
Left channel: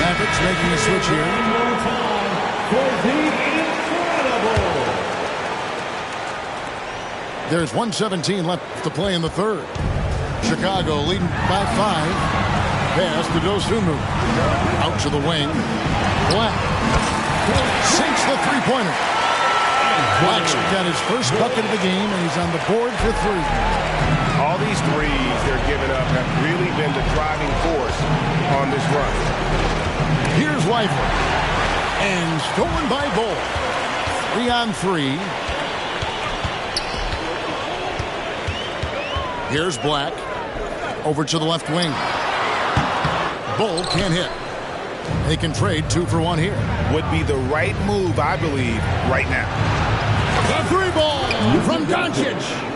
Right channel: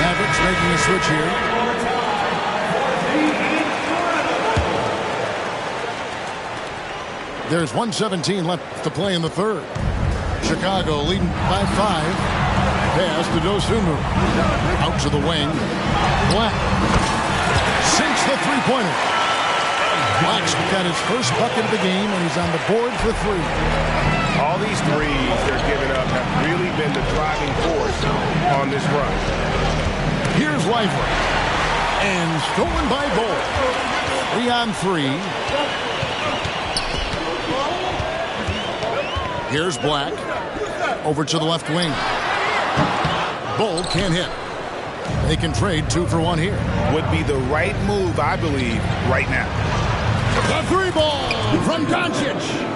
Mavericks making a switch here. There's 1:17 left to play in the third. Chicago leading by 5. Pass to Dosunmu. Out to the wing. Black sinks the three-pointer. Black's got his first bucket of the game, and he's on the board for 3. All these threes they're giving up have really been the driving force on this run. Here's Lively. And stolen by Bull. 3-on-3. Here's Black. Over to the left wing. Bull can't hit. They can trade 2 for 1 here. Would be the right move, I believe, right now. The 3 ball from Doncic.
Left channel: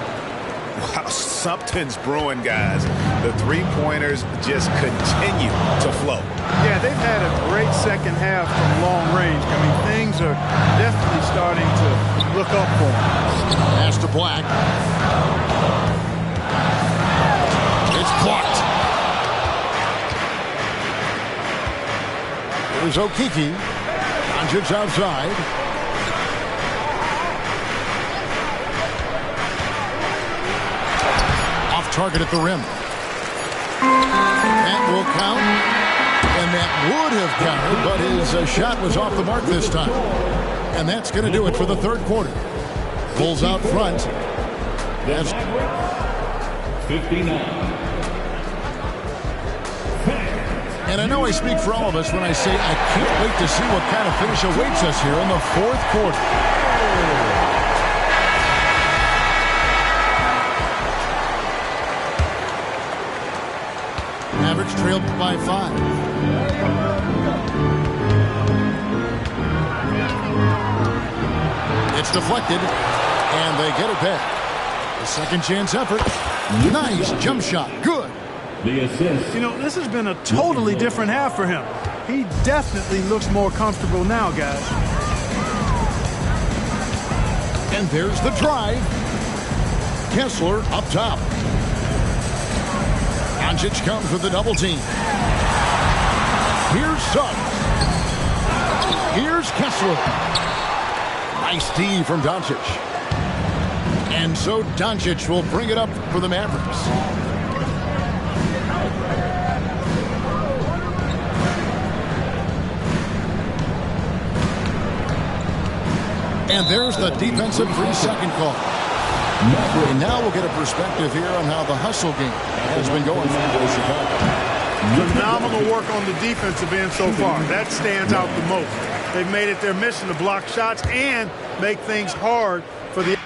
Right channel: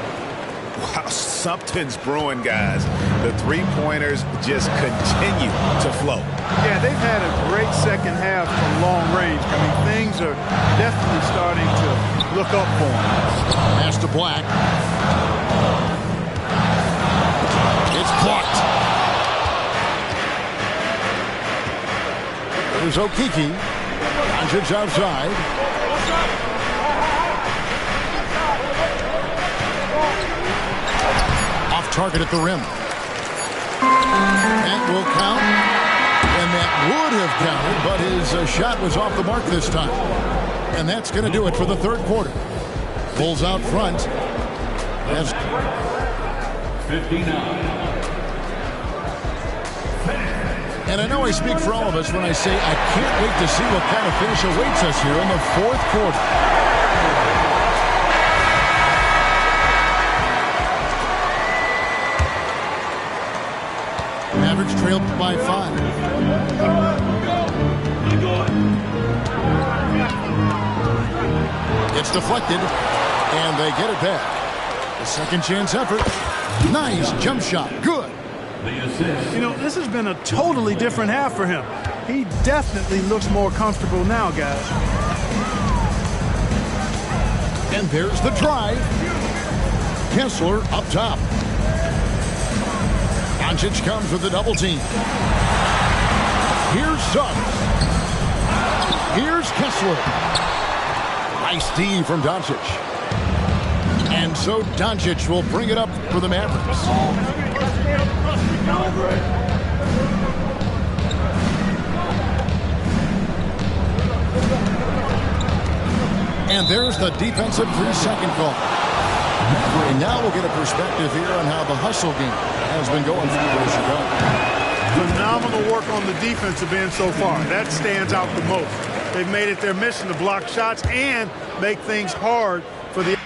Wow, something's brewing, guys. The three-pointers just continue to flow. Yeah, they've had a great second half from long range. I mean, things are definitely starting to look up for them. Pass to Black. It's blocked. There's Okeke. Doncic outside. Off target at the rim. That will count. And that would have counted, but his shot was off the mark this time. And that's going to do it for the third quarter. Bulls out front. That's 59. And I know I speak for all of us when I say I can't wait to see what kind of finish awaits us here in the fourth quarter. Mavericks trailed by 5. It's deflected, and they get it back. The second chance effort. Nice jump shot. Good. The assist. You know, this has been a totally different half for him. He definitely looks more comfortable now, guys. And there's the drive. Kessler up top. Doncic comes with the double team. Here's Suggs. Here's Kessler. Nice D from Doncic. And so Doncic will bring it up for the Mavericks. And there's the defensive 3-second call. And now we'll get a perspective here on how the hustle game has been going for Chicago. Phenomenal work on the defensive end so far. That stands out the most. They've made it their mission to block shots and make things hard for the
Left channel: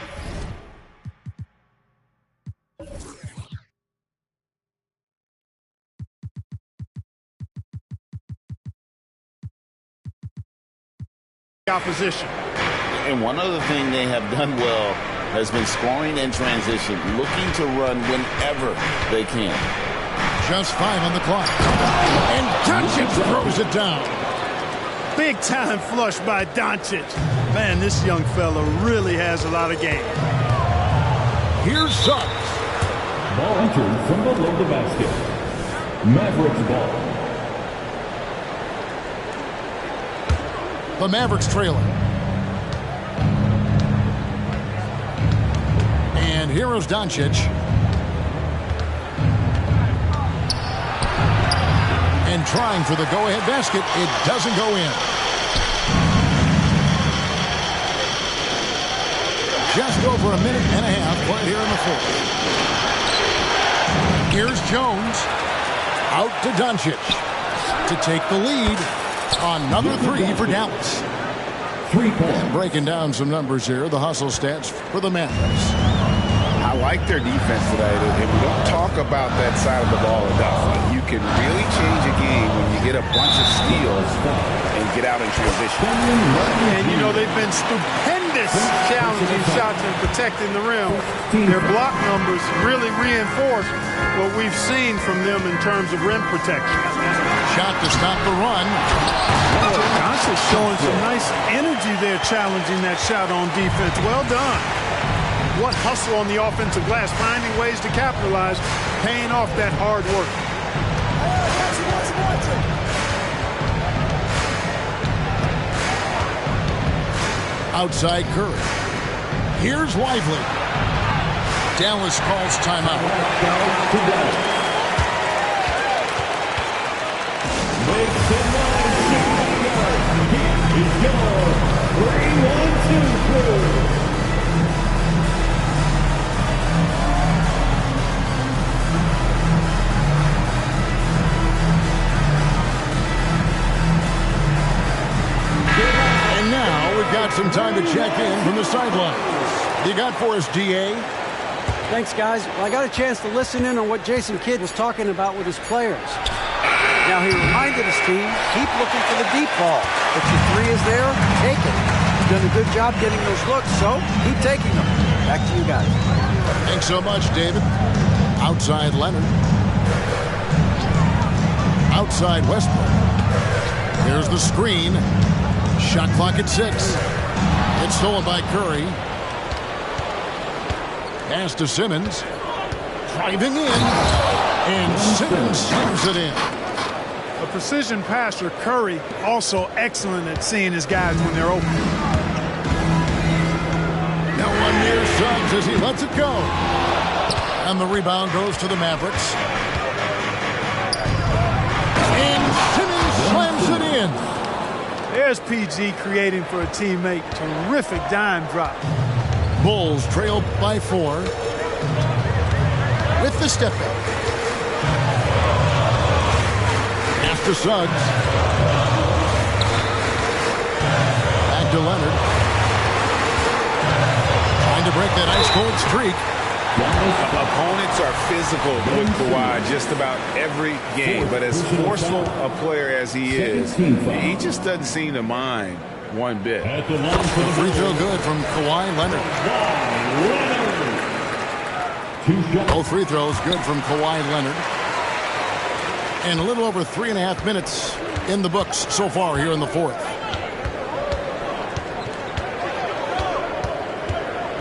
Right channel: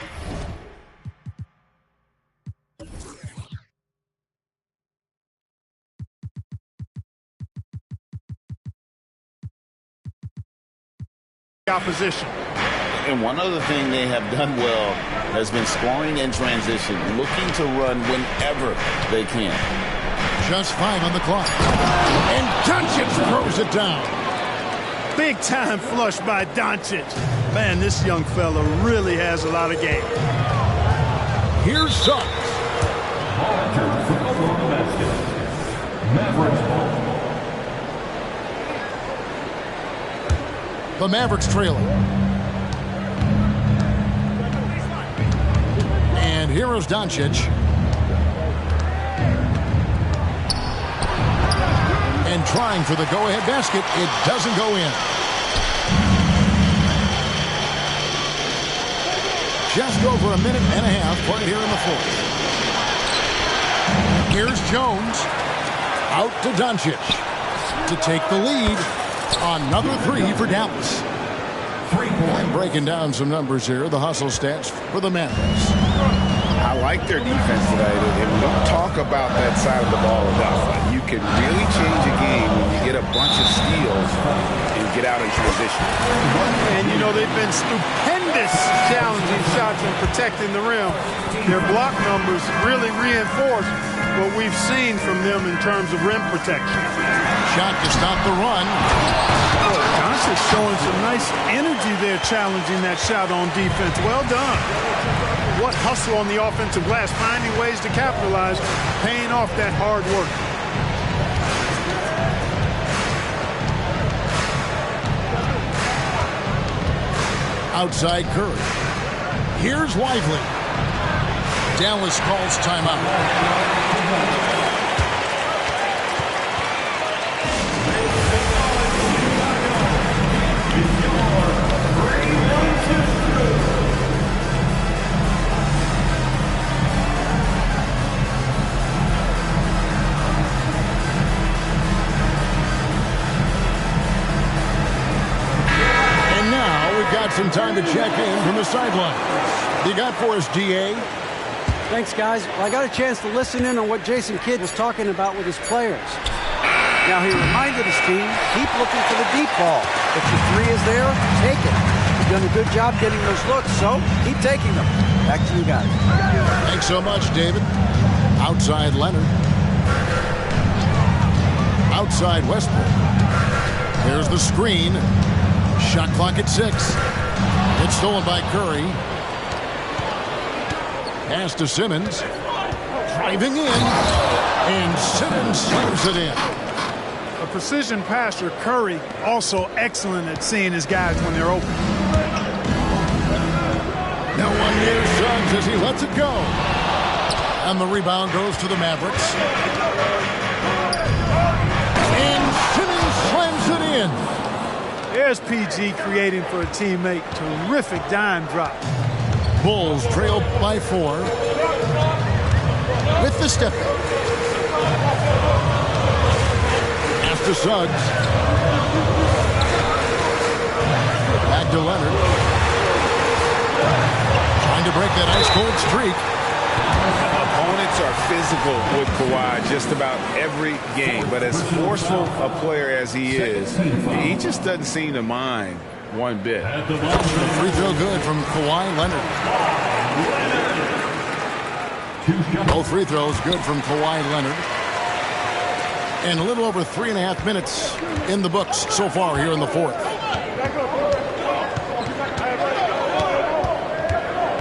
opposition. And one other thing they have done well has been scoring in transition, looking to run whenever they can. Just 5 on the clock. And Doncic throws it down. Big time flush by Doncic. Man, this young fella really has a lot of game. Here's Suggs. Ball entered from below the basket. Mavericks ball. The Mavericks trailing. And here is Doncic. And trying for the go-ahead basket. It doesn't go in. Just over a minute and a half played here in the fourth. Here's Jones. Out to Doncic to take the lead. Another 3 for Dallas. And breaking down some numbers here, the hustle stats for the Mavericks. I like their defense tonight, and we don't talk about that side of the ball enough. You can really change a game when you get a bunch of steals and get out in transition. And, you know, they've been stupendous challenging shots and protecting the rim. Their block numbers really reinforce what we've seen from them in terms of rim protection. Shot to stop the run. Doncic showing some nice energy there challenging that shot on defense. Well done. What hustle on the offensive glass, finding ways to capitalize, paying off that hard work. Outside Curry. Here's Lively. Dallas calls timeout. got some time to check in from the sidelines. You got for us, DA? Thanks, guys. Well, I got a chance to listen in on what Jason Kidd was talking about with his players. Now, he reminded his team, keep looking for the deep ball. If your three is there, take it. You've done a good job getting those looks, so keep taking them. Back to you guys. Thanks so much, David. Outside Leonard. Outside Westbrook. There's the screen. Shot clock at 6. It's stolen by Curry. Pass to Simmons. Driving in. And Simmons slams it in. A precision passer, Curry, also excellent at seeing his guys when they're open. Now one near Suggs as he lets it go. And the rebound goes to the Mavericks. And Simmons slams it in. There's PG creating for a teammate. Terrific dime drop. Bulls trail by 4. With the step back. Pass to Suggs. Back to Leonard. Trying to break that ice-cold streak. Opponents are physical with Kawhi just about every game, but as forceful a player as he is, he just doesn't seem to mind one bit. The free throw good from Kawhi Leonard. Both free throws good from Kawhi Leonard. And a little over 3.5 minutes in the books so far here in the fourth.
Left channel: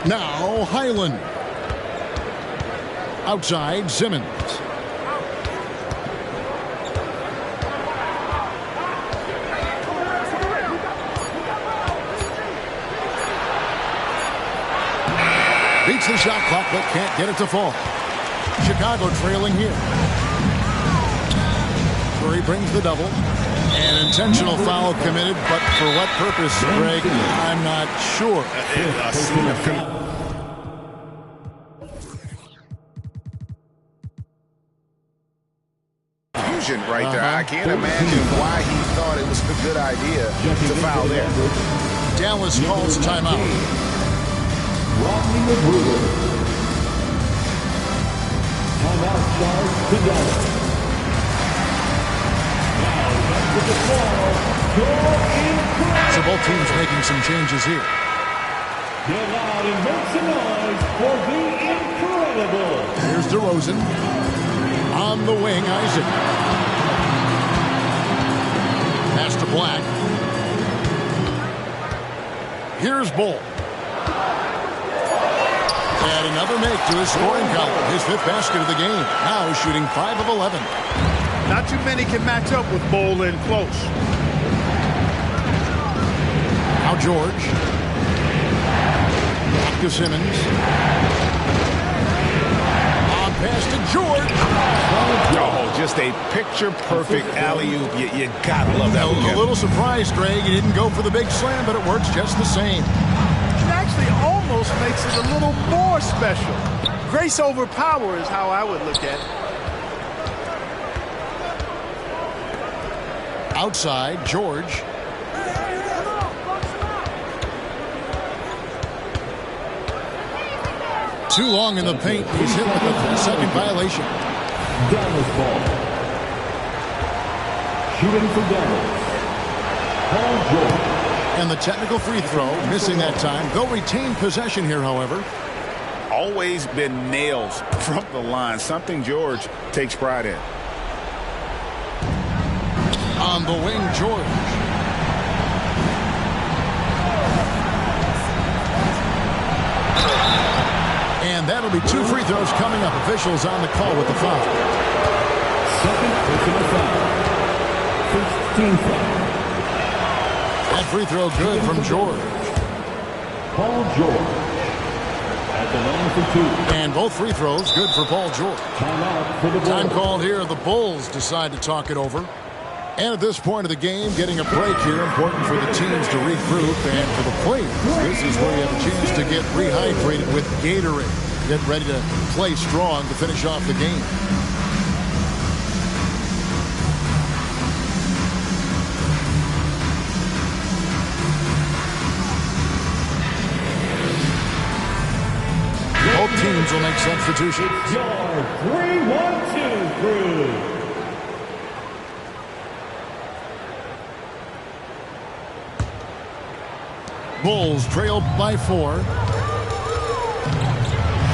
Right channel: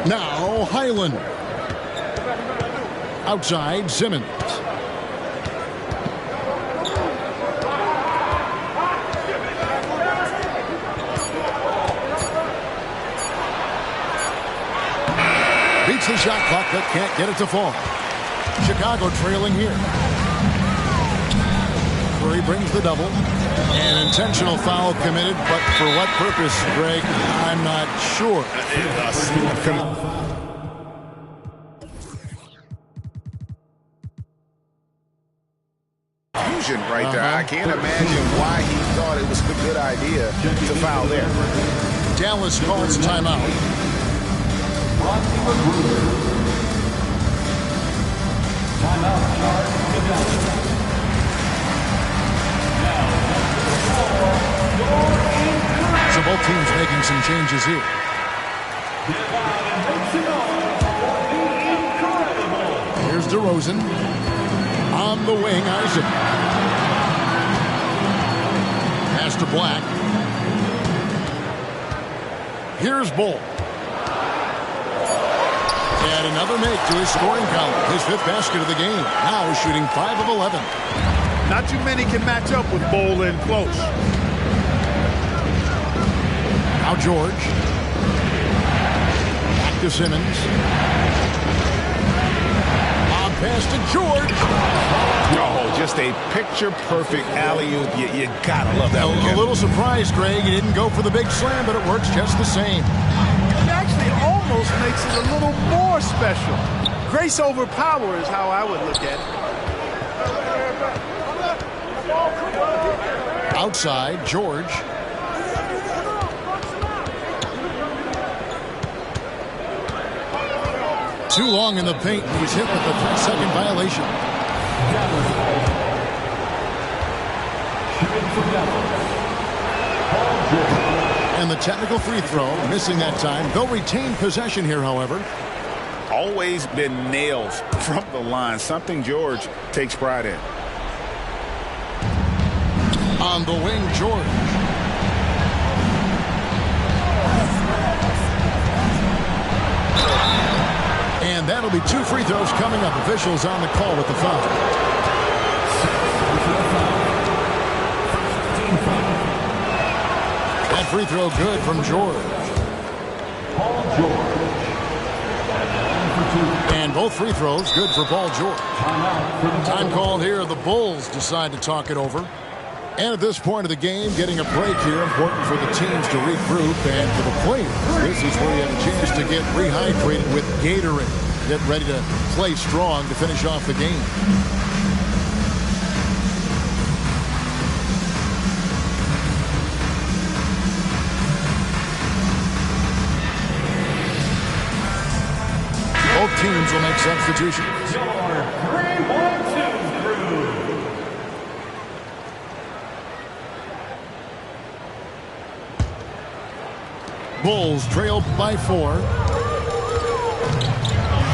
Now Highland. Outside Simmons. Beats the shot clock but can't get it to fall. Chicago trailing here. Curry brings the double. An intentional foul committed, but for what purpose, Greg? I'm not sure. A scene of confusion right there. I can't imagine why he thought it was a good idea to foul there. Dallas calls timeout. Timeout charge to Dallas. So both teams making some changes here. Get loud and make some noise for the incredible. Here's DeRozan. On the wing, Isaac. Pass to Black. Here's Bull. And another make to his scoring column. His 5th basket of the game. Now shooting 5 of 11. Not too many can match up with Bull in close. Now George. Back to Simmons. On pass to George. Oh, just a picture-perfect alley-oop. You gotta love that one, A little surprised, Greg. He didn't go for the big slam, but it works just the same. It actually almost makes it a little more special. Grace over power is how I would look at it. Outside, George. Too long in the paint. He's hit with a 3-second violation. Dallas ball. Shooting for Dallas. Paul George. And the technical free throw, missing that time. They'll retain possession here, however. Always been nails from the line. Something George takes pride in. On the wing, George. And that'll be 2 free throws coming up. Officials on the call with the foul. Second personal foul. First team foul. That free throw good from George. Paul George. At the line for 2. And both free throws good for Paul George. Timeout for the Time Bulls. called here. The Bulls decide to talk it over. And at this point of the game, getting a break here, important for the teams to regroup, and for the players, this is where you have a chance to get rehydrated with Gatorade. Get ready to play strong to finish off the game. Both teams will make substitutions. Your 3-1-2 crew. Bulls trail by 4.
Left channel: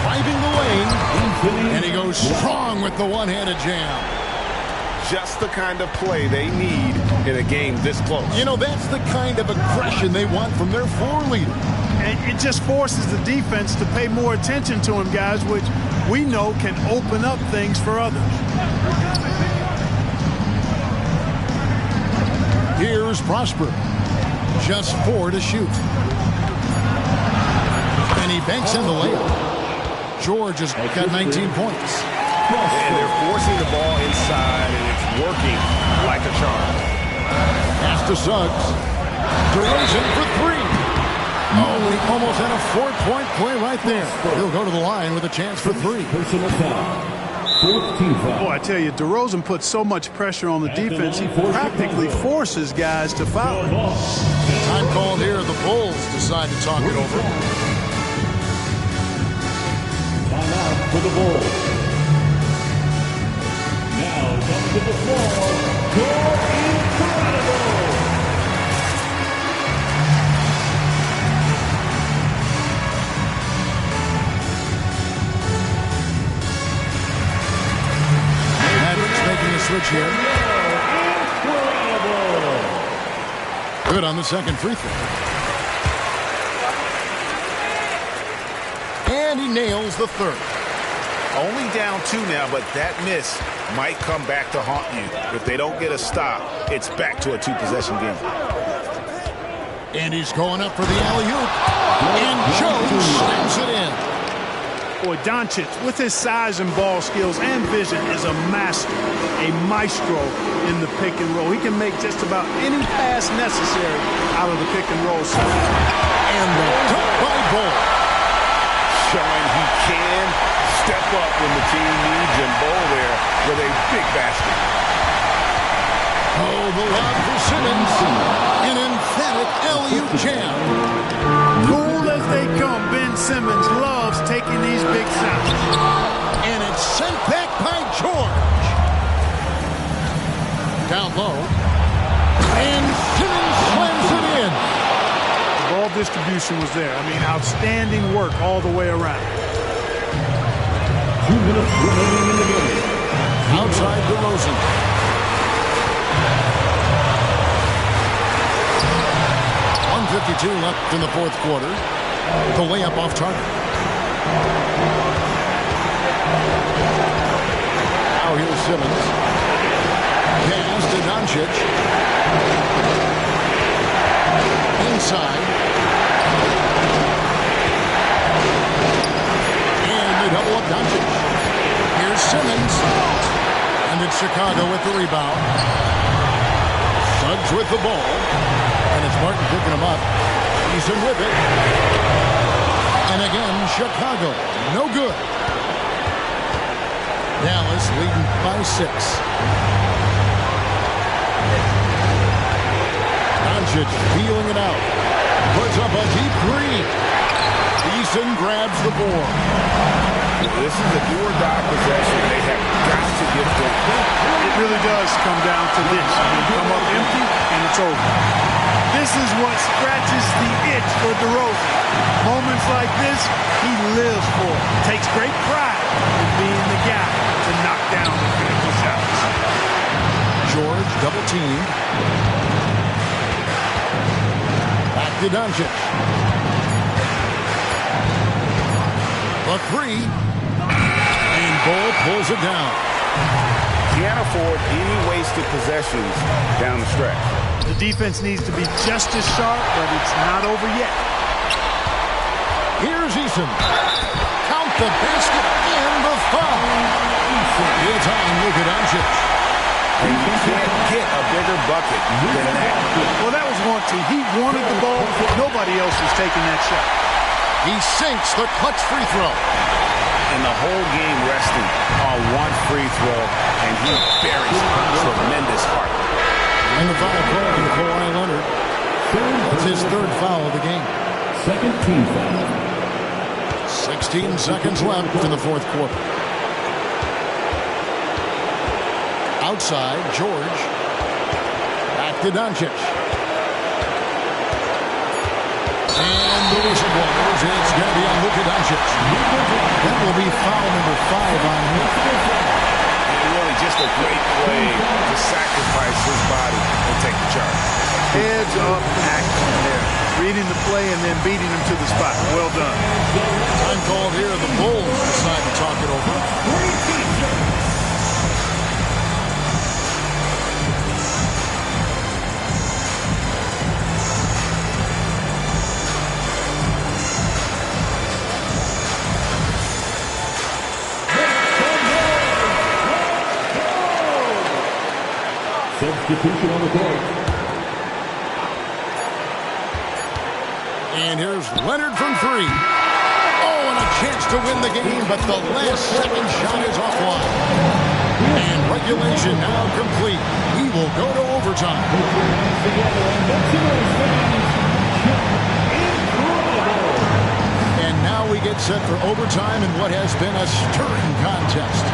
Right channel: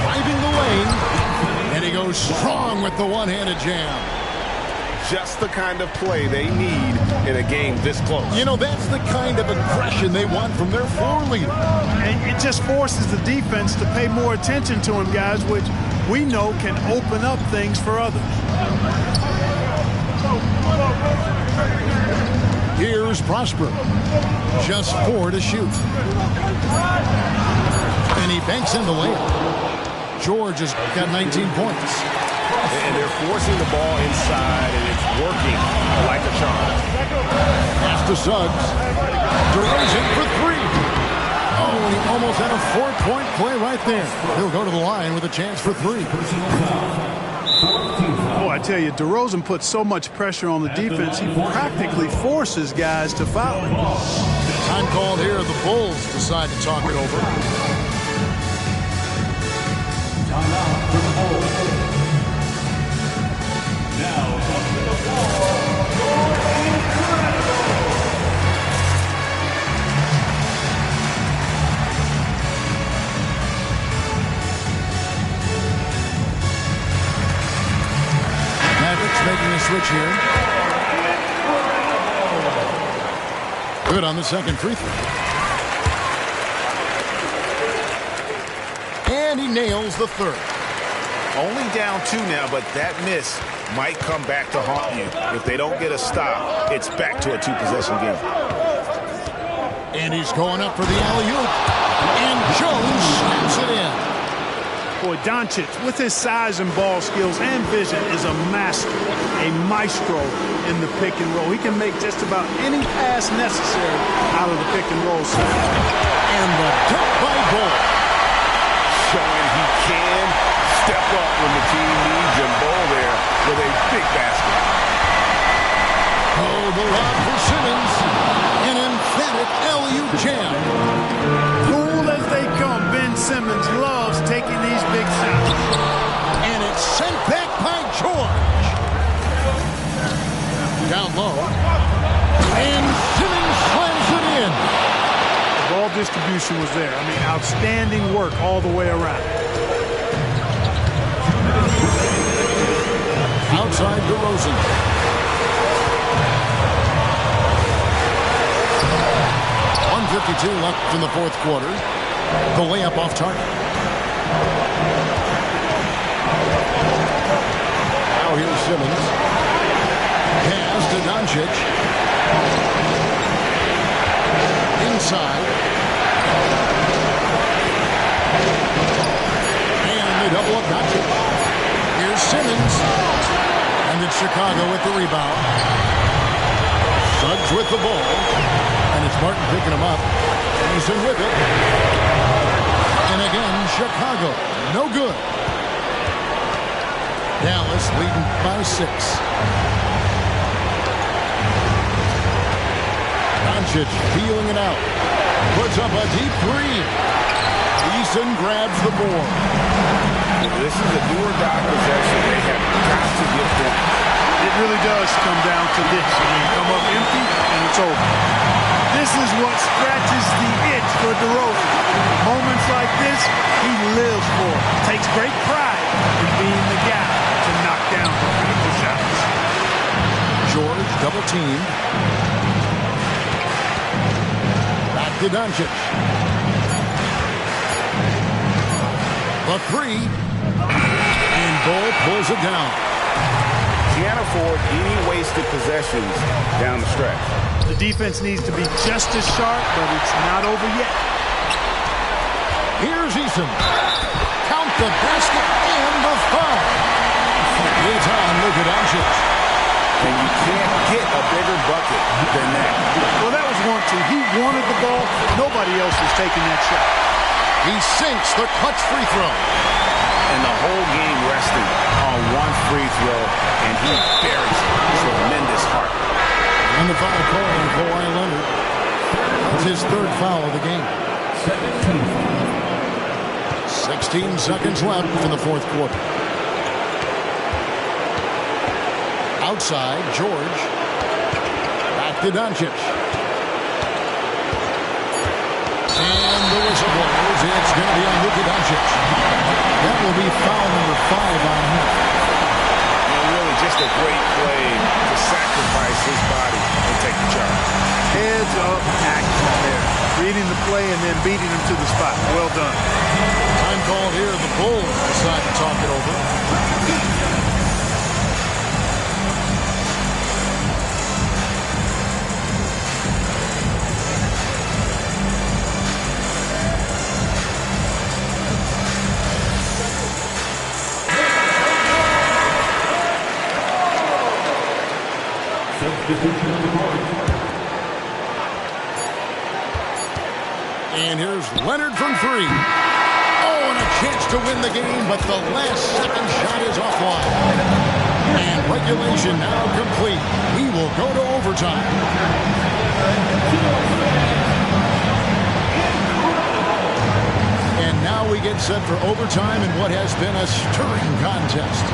Driving the lane. And he goes strong with the one-handed jam. Just the kind of play they need in a game this close. You know, that's the kind of aggression they want from their floor leader. And it just forces the defense to pay more attention to him, guys, which we know can open up things for others. Here's Prosper. Just 4 to shoot. And he banks in the layup. George has got 19 points. And they're forcing the ball inside, and it's working like a charm. Pass to Suggs. DeRozan for 3. Oh, and he almost had a 4-point play right there. He'll go to the line with a chance for 3. Boy, I tell you, DeRozan puts so much pressure on the defense, he practically forces guys to foul him. Time called here. The Bulls decide to talk it over. Timeout for the Bulls. Now comes to the floor, you're incredible. Mavericks making a switch here. Good on the second free throw. And he nails the third. Only down 2 now, but that miss might come back to haunt you. If they don't get a stop, it's back to a 2-possession game. And he's going up for the alley-oop. And Jones slams it in. Boy, Doncic, with his size and ball skills and vision, is a master, a maestro in the pick and roll. He can make just about any pass necessary out of the pick and roll set. And the dunk by Bull. Showing he can step up when the team needs him. Bull there with a big basket. Oh, the lob for Simmons. An emphatic alley-oop jam. Cool as they come, Ben Simmons loves taking these big shots. And it's sent back by George. Down low. And Simmons slams it in. The ball distribution was there. I mean, outstanding work all the way around. 2 minutes remaining in the game. Outside DeRozan. .152 left in the fourth quarter. The layup off target. Now here's Simmons. Pass to Doncic. Inside. And they double up Doncic. Here's Simmons. And it's Chicago with the rebound. Suggs with the ball. And it's Martin picking him up. He's in with it. And again, Chicago. No good. Dallas leading by 6. Doncic feeling it out. Puts up a deep 3. Eason grabs the board. This is a do-or-die possession. They have got to get points. It really does come down to this. I mean, come up empty, and it's over. This is what scratches the itch for DeRozan. Moments like this, he lives for it. Takes great pride in being the guy to knock down the critical shots. George double-teamed. Back to Doncic. The 3. And Bull pulls it down. Can't afford any wasted possessions down the stretch. The defense needs to be just as sharp, but it's not over yet. Here's Eason. Count the basket and the foul. It's on Luka Doncic. And you can't get a bigger bucket than that. Well, that was 1-2. He wanted the ball. Nobody else was taking that shot. He sinks the clutch free throw. And the whole game resting on one free throw, and he buries tremendous heart. And the foul call on Kawhi Leonard. That's his third foul of the game. Second team foul. 16 seconds left in the fourth quarter. Outside, George. Back to Doncic. And the whistle blows. It's going to be on Luka Doncic. That will be foul number 5 on him. And really just a great play to sacrifice his body and take the charge. Heads up action there. Reading the play and then beating him to the spot. Well done. Time called here. The Bulls decide to talk it over. Substitution on the court. And here's Leonard from 3. Oh, and a chance to win the game, but the last second shot is offline. And regulation now complete. We will go to overtime. And now we get set for overtime in what has been a stirring contest.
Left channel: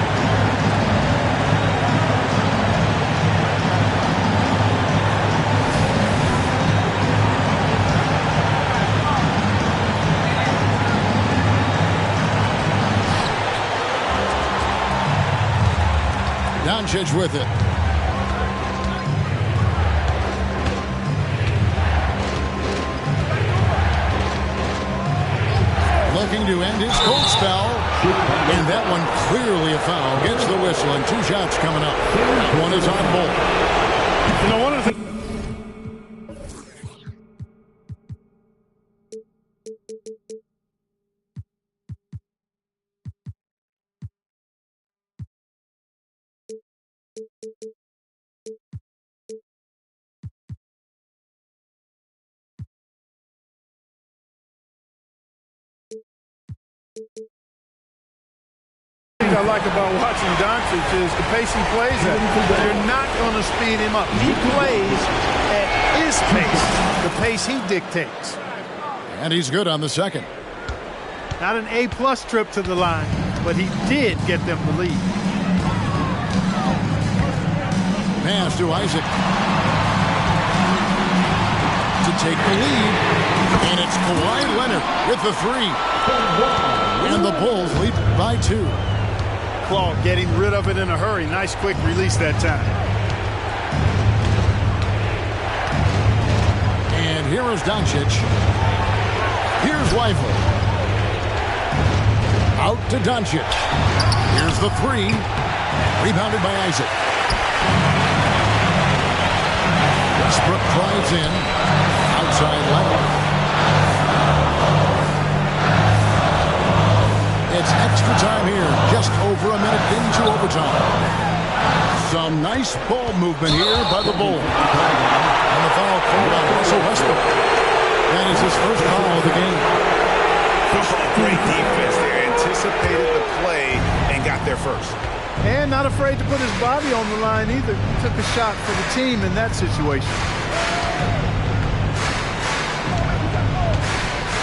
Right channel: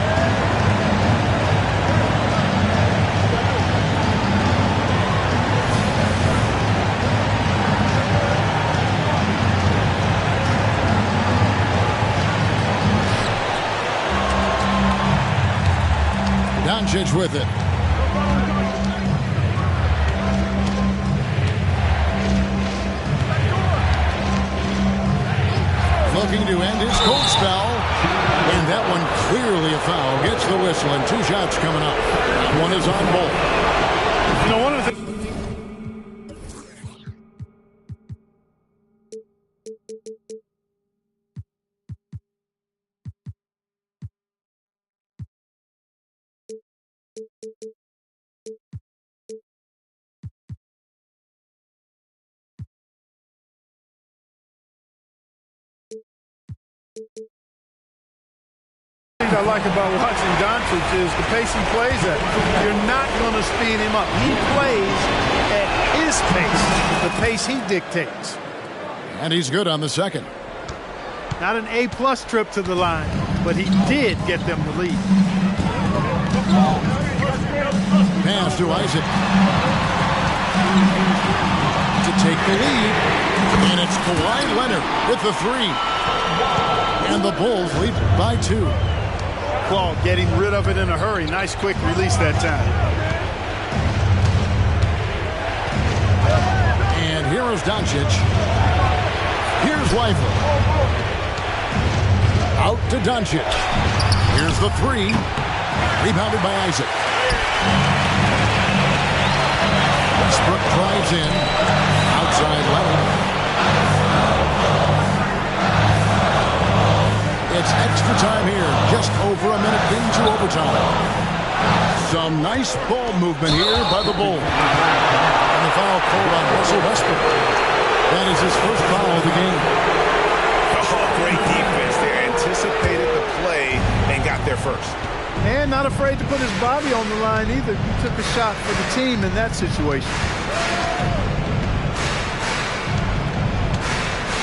Doncic with it. Looking to end his cold spell. And that one clearly a foul. Gets the whistle and 2 shots coming up. That one is on Bull. You know, one of the things I like about watching Doncic is the pace he plays at. You're not going to speed him up. He plays at his pace, the pace he dictates. And he's good on the second. Not an A-plus trip to the line, but he did get them the lead. Pass to Isaac. To take the lead. And it's Kawhi Leonard with the 3. And the Bulls lead by 2. Claw getting rid of it in a hurry. Nice quick release that time. And here is Doncic. Here's Lively. Out to Doncic. Here's the 3. Rebounded by Isaac. Westbrook drives in. Outside Leonard. It's extra time here, just over a minute into overtime. Some nice ball movement here by the Bulls. And the foul called on Russell Westbrook. That is his first foul of the game. Oh, great defense there. Anticipated the play and got there first. And not afraid to put his body on the line either. He took a shot for the team in that situation.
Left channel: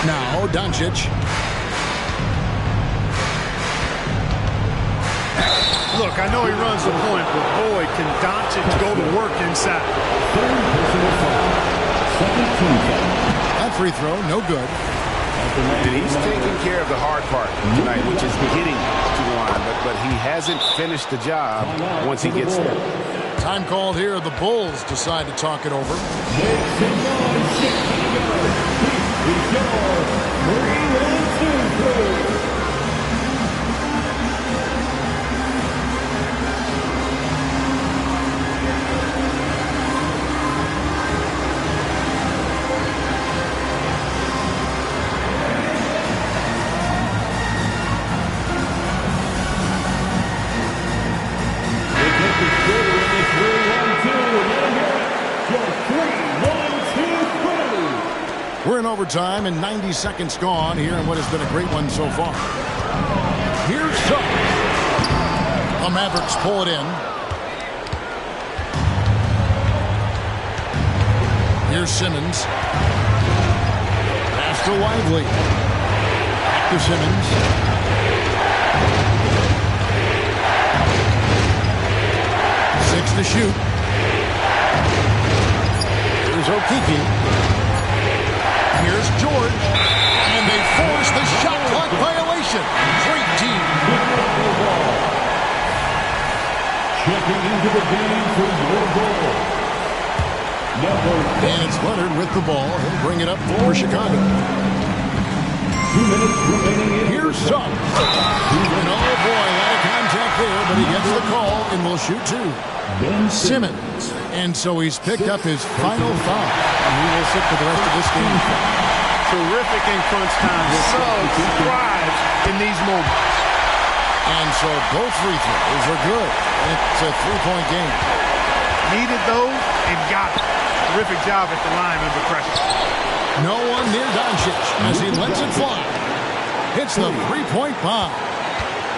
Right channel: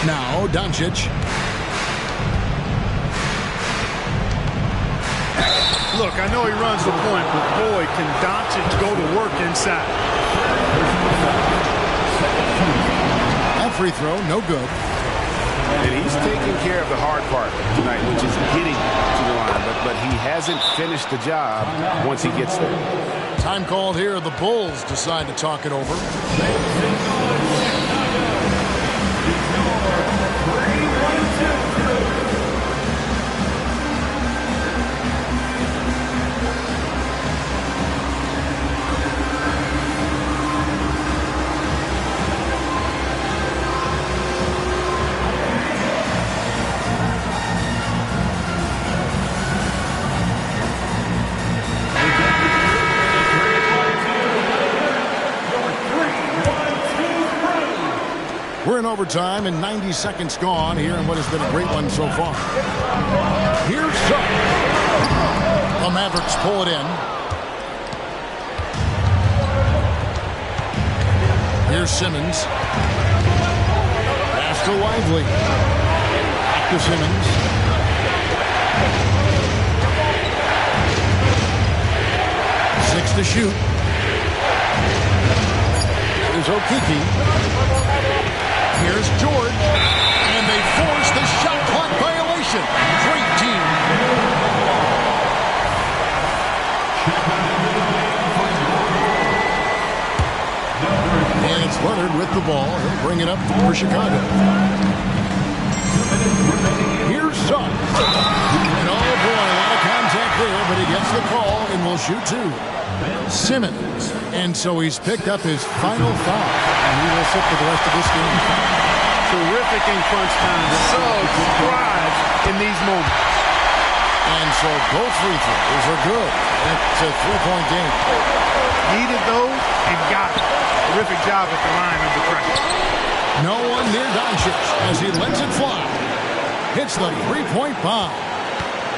Now, Doncic. Look, I know he runs the point, but boy, can Doncic go to work inside. That free throw, no good. And he's taking care of the hard part tonight, which is getting to the line. But he hasn't finished the job once he gets there. Time called here. The Bulls decide to talk it over. We're in overtime and 90 seconds gone here in what has been a great one so far. Here's Suggs. The Mavericks pull it in. Here's Simmons. Pass to Lively. Back to Simmons. Six to shoot. Here's Okeke. Here's George. And they force the shot clock violation. Great team. Checking into the game for your goal. And it's Leonard with the ball. He'll bring it up for Chicago. 2 minutes remaining. Here's Suggs. And oh boy, a lot of contact there, but he gets the call and will shoot two. Simmons. And so he's picked up his final foul. And he will sit for the rest of this game. Terrific in crunch time. Suggs thrives in these moments. And so both free throws are good. And it's a three-point game. Needed those and got it. Terrific job at the line under pressure. No one near Doncic as he lets it fly. Hits the three-point bomb.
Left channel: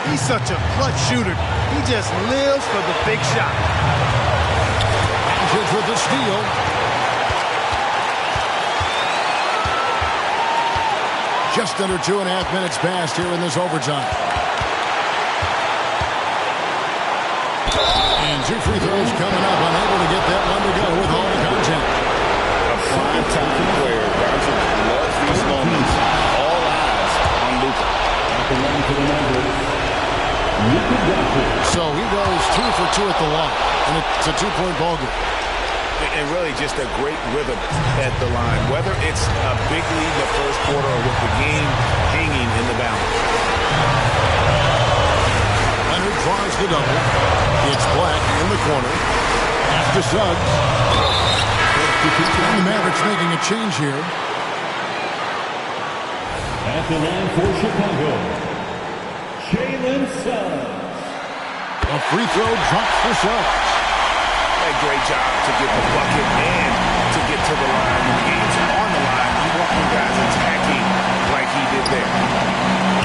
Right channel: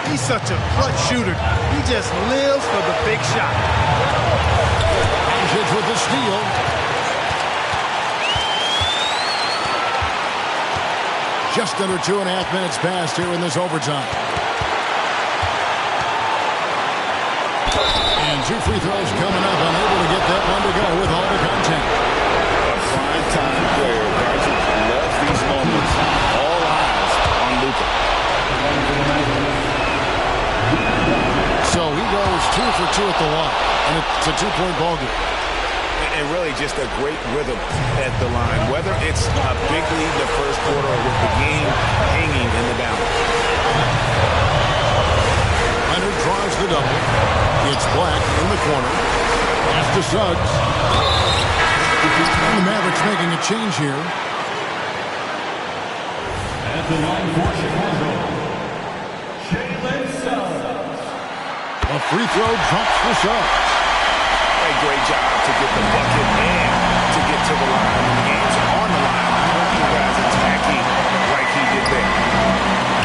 He's such a clutch shooter. He just lives for the big shot. Doncic with the steal. Just under 2.5 minutes passed here in this overtime. And two free throws coming up. Unable to get that one to go with all the contact. A prime-time player. Doncic loves these moments. All eyes on Luka. So he goes 2 for 2 at the line. And it's a two-point ball game. And really just a great rhythm at the line. Whether it's a big lead in the first quarter or with the game hanging in the balance. Leonard draws the double. It's Black in the corner. Pass to Suggs. And the Mavericks making a change here. At the line for Chicago, Jalen Suggs. A free throw drops for Suggs. A great job to get the bucket and to get to the line. When the game's on the line, you want your guys attacking like he did there.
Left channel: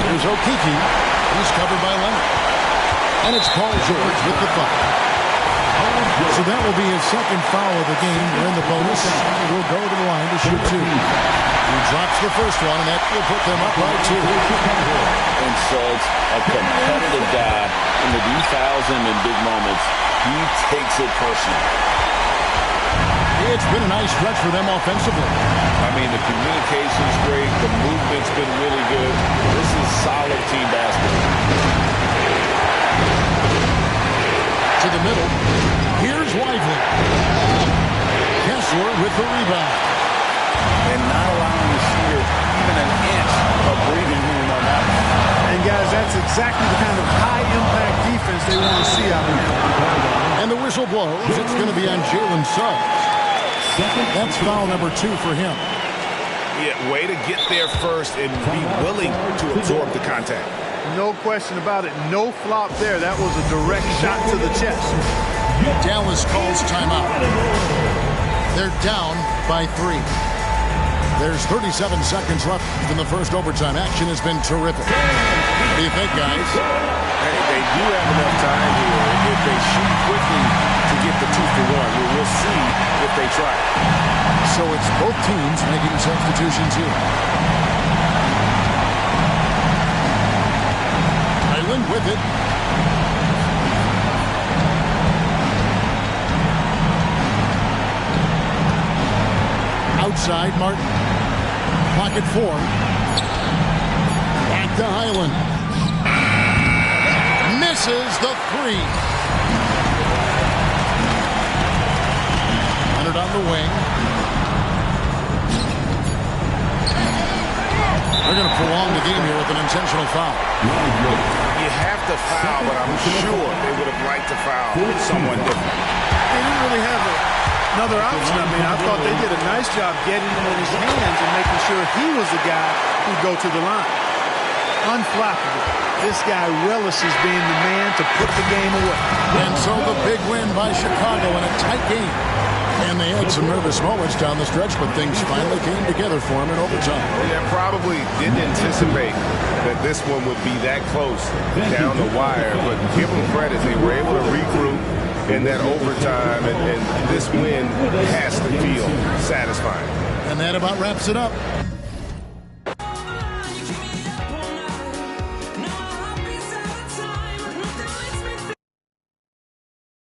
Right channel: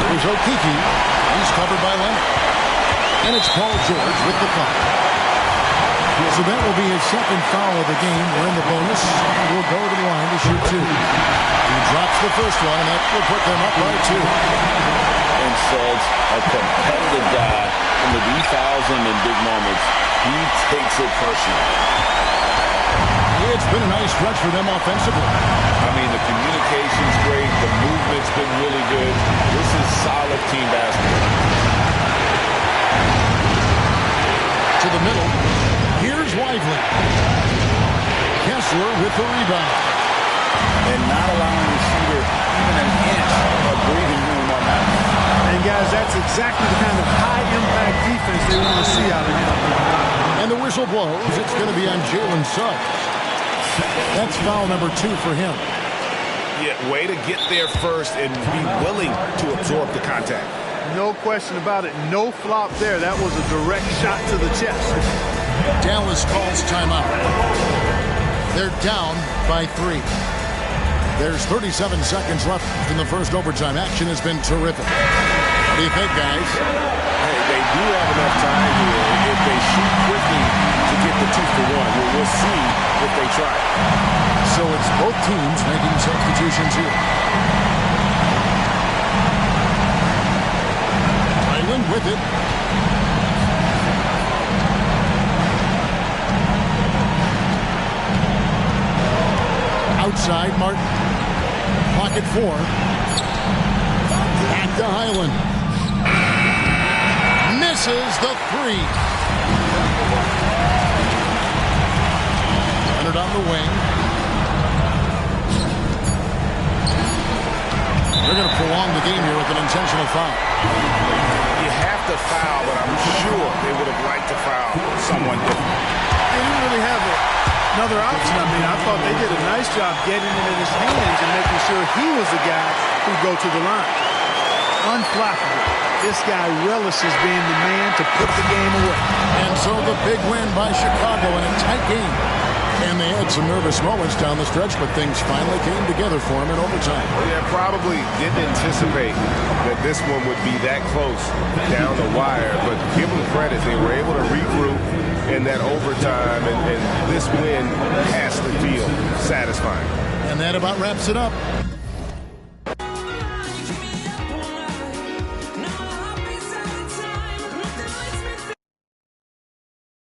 There's Okeke. He's covered by Leonard. And it's Paul George with the foul. So that will be his second foul of the game. We're in the bonus. We'll go to the line to shoot two. He drops the first one, and that will put them up by 2. And Suggs, a competitive guy, and when he fouls him in big moments, he takes it personally. It's been a nice stretch for them offensively. I mean, the communication's great. The movement's been really good. This is solid team basketball. To the middle. Here's Lively. Kessler with the rebound. And not allowing the shooter even an inch of breathing room on that one. And, guys, that's exactly the kind of high-impact defense they want to see out of him. And the whistle blows. It's going to be on Jalen Suggs. That's foul number 2 for him. Yeah, way to get there first and be willing to absorb the contact. No question about it. No flop there. That was a direct shot to the chest. Dallas calls timeout. They're down by 3. There's 37 seconds left in the first overtime. Action has been terrific. What do you think, guys? Hey, they do have enough time here if they shoot quickly to get the 2 for 1. We'll see if they try. So it's both teams making substitutions here. Island with it. Outside, Martin. Clock at 4. Back to Highland. Misses the 3. Leonard on the wing. They're going to prolong the game here with an intentional foul. You have to foul, but I'm sure they would have liked to foul someone different. They didn't really have another option. I mean, I thought they did a nice job getting it in his hands and making sure he was the guy who'd go to the line. Unflappable. This guy relishes being the man to put the game away. And so the big win by Chicago in a tight game. And they had some nervous moments down the stretch, but things finally came together for him in overtime. Yeah, probably didn't anticipate that this one would be that close down the wire, but give them credit. They were able to regroup in that overtime, and this win has to feel satisfying. And that about wraps it up.